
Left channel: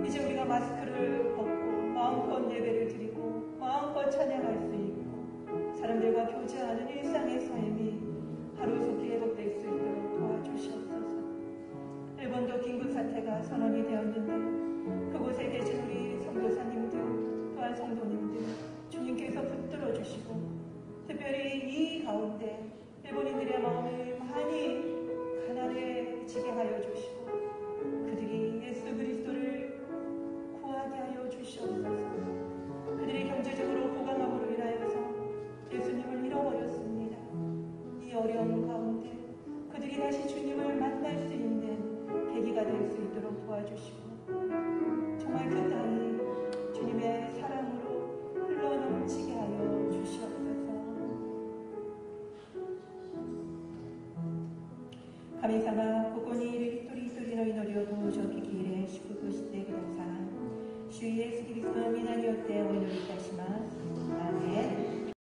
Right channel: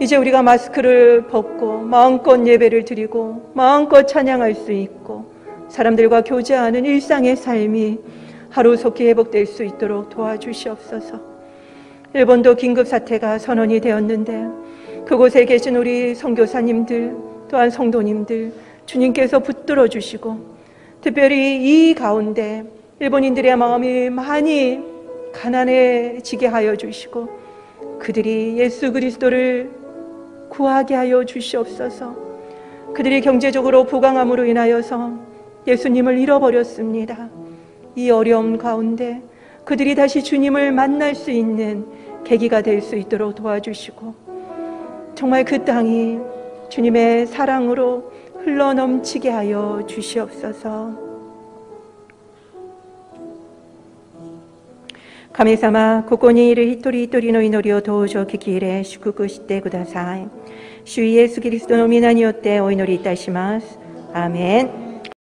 이제 우리가 마스크를 벗고 마음껏 예배를 드리고 마음껏 찬양할 수 있고 사람들과 교제하는 일상의 삶이 하루속히 회복될 수 있도록 도와주시옵소서. 일본도 긴급사태가 선언이 되었는데 그곳에 계신 우리 선교사님들 또한 성도님들 주님께서 붙들어 주시고, 특별히 이 가운데 일본인들의 마음이 많이 가난해지게 하여 주시고 그들이 예수 그리스도를 구하게 하여 주시옵소서. 그들이 경제적으로 부강함으로 인하여서 예수님을 잃어버렸습니다. 이 어려움 가운데 그들이 다시 주님을 만날 수 있는 계기가 될 수 있도록 도와주시고, 정말 그 땅이 주님의 사랑으로 흘러넘치게 하여 주시옵소서. 神様、ここにいる一人一人の祈りをどうぞ聞き入れ祝福してください。主イエスキリストの皆によってお祈りいたします。アーメン。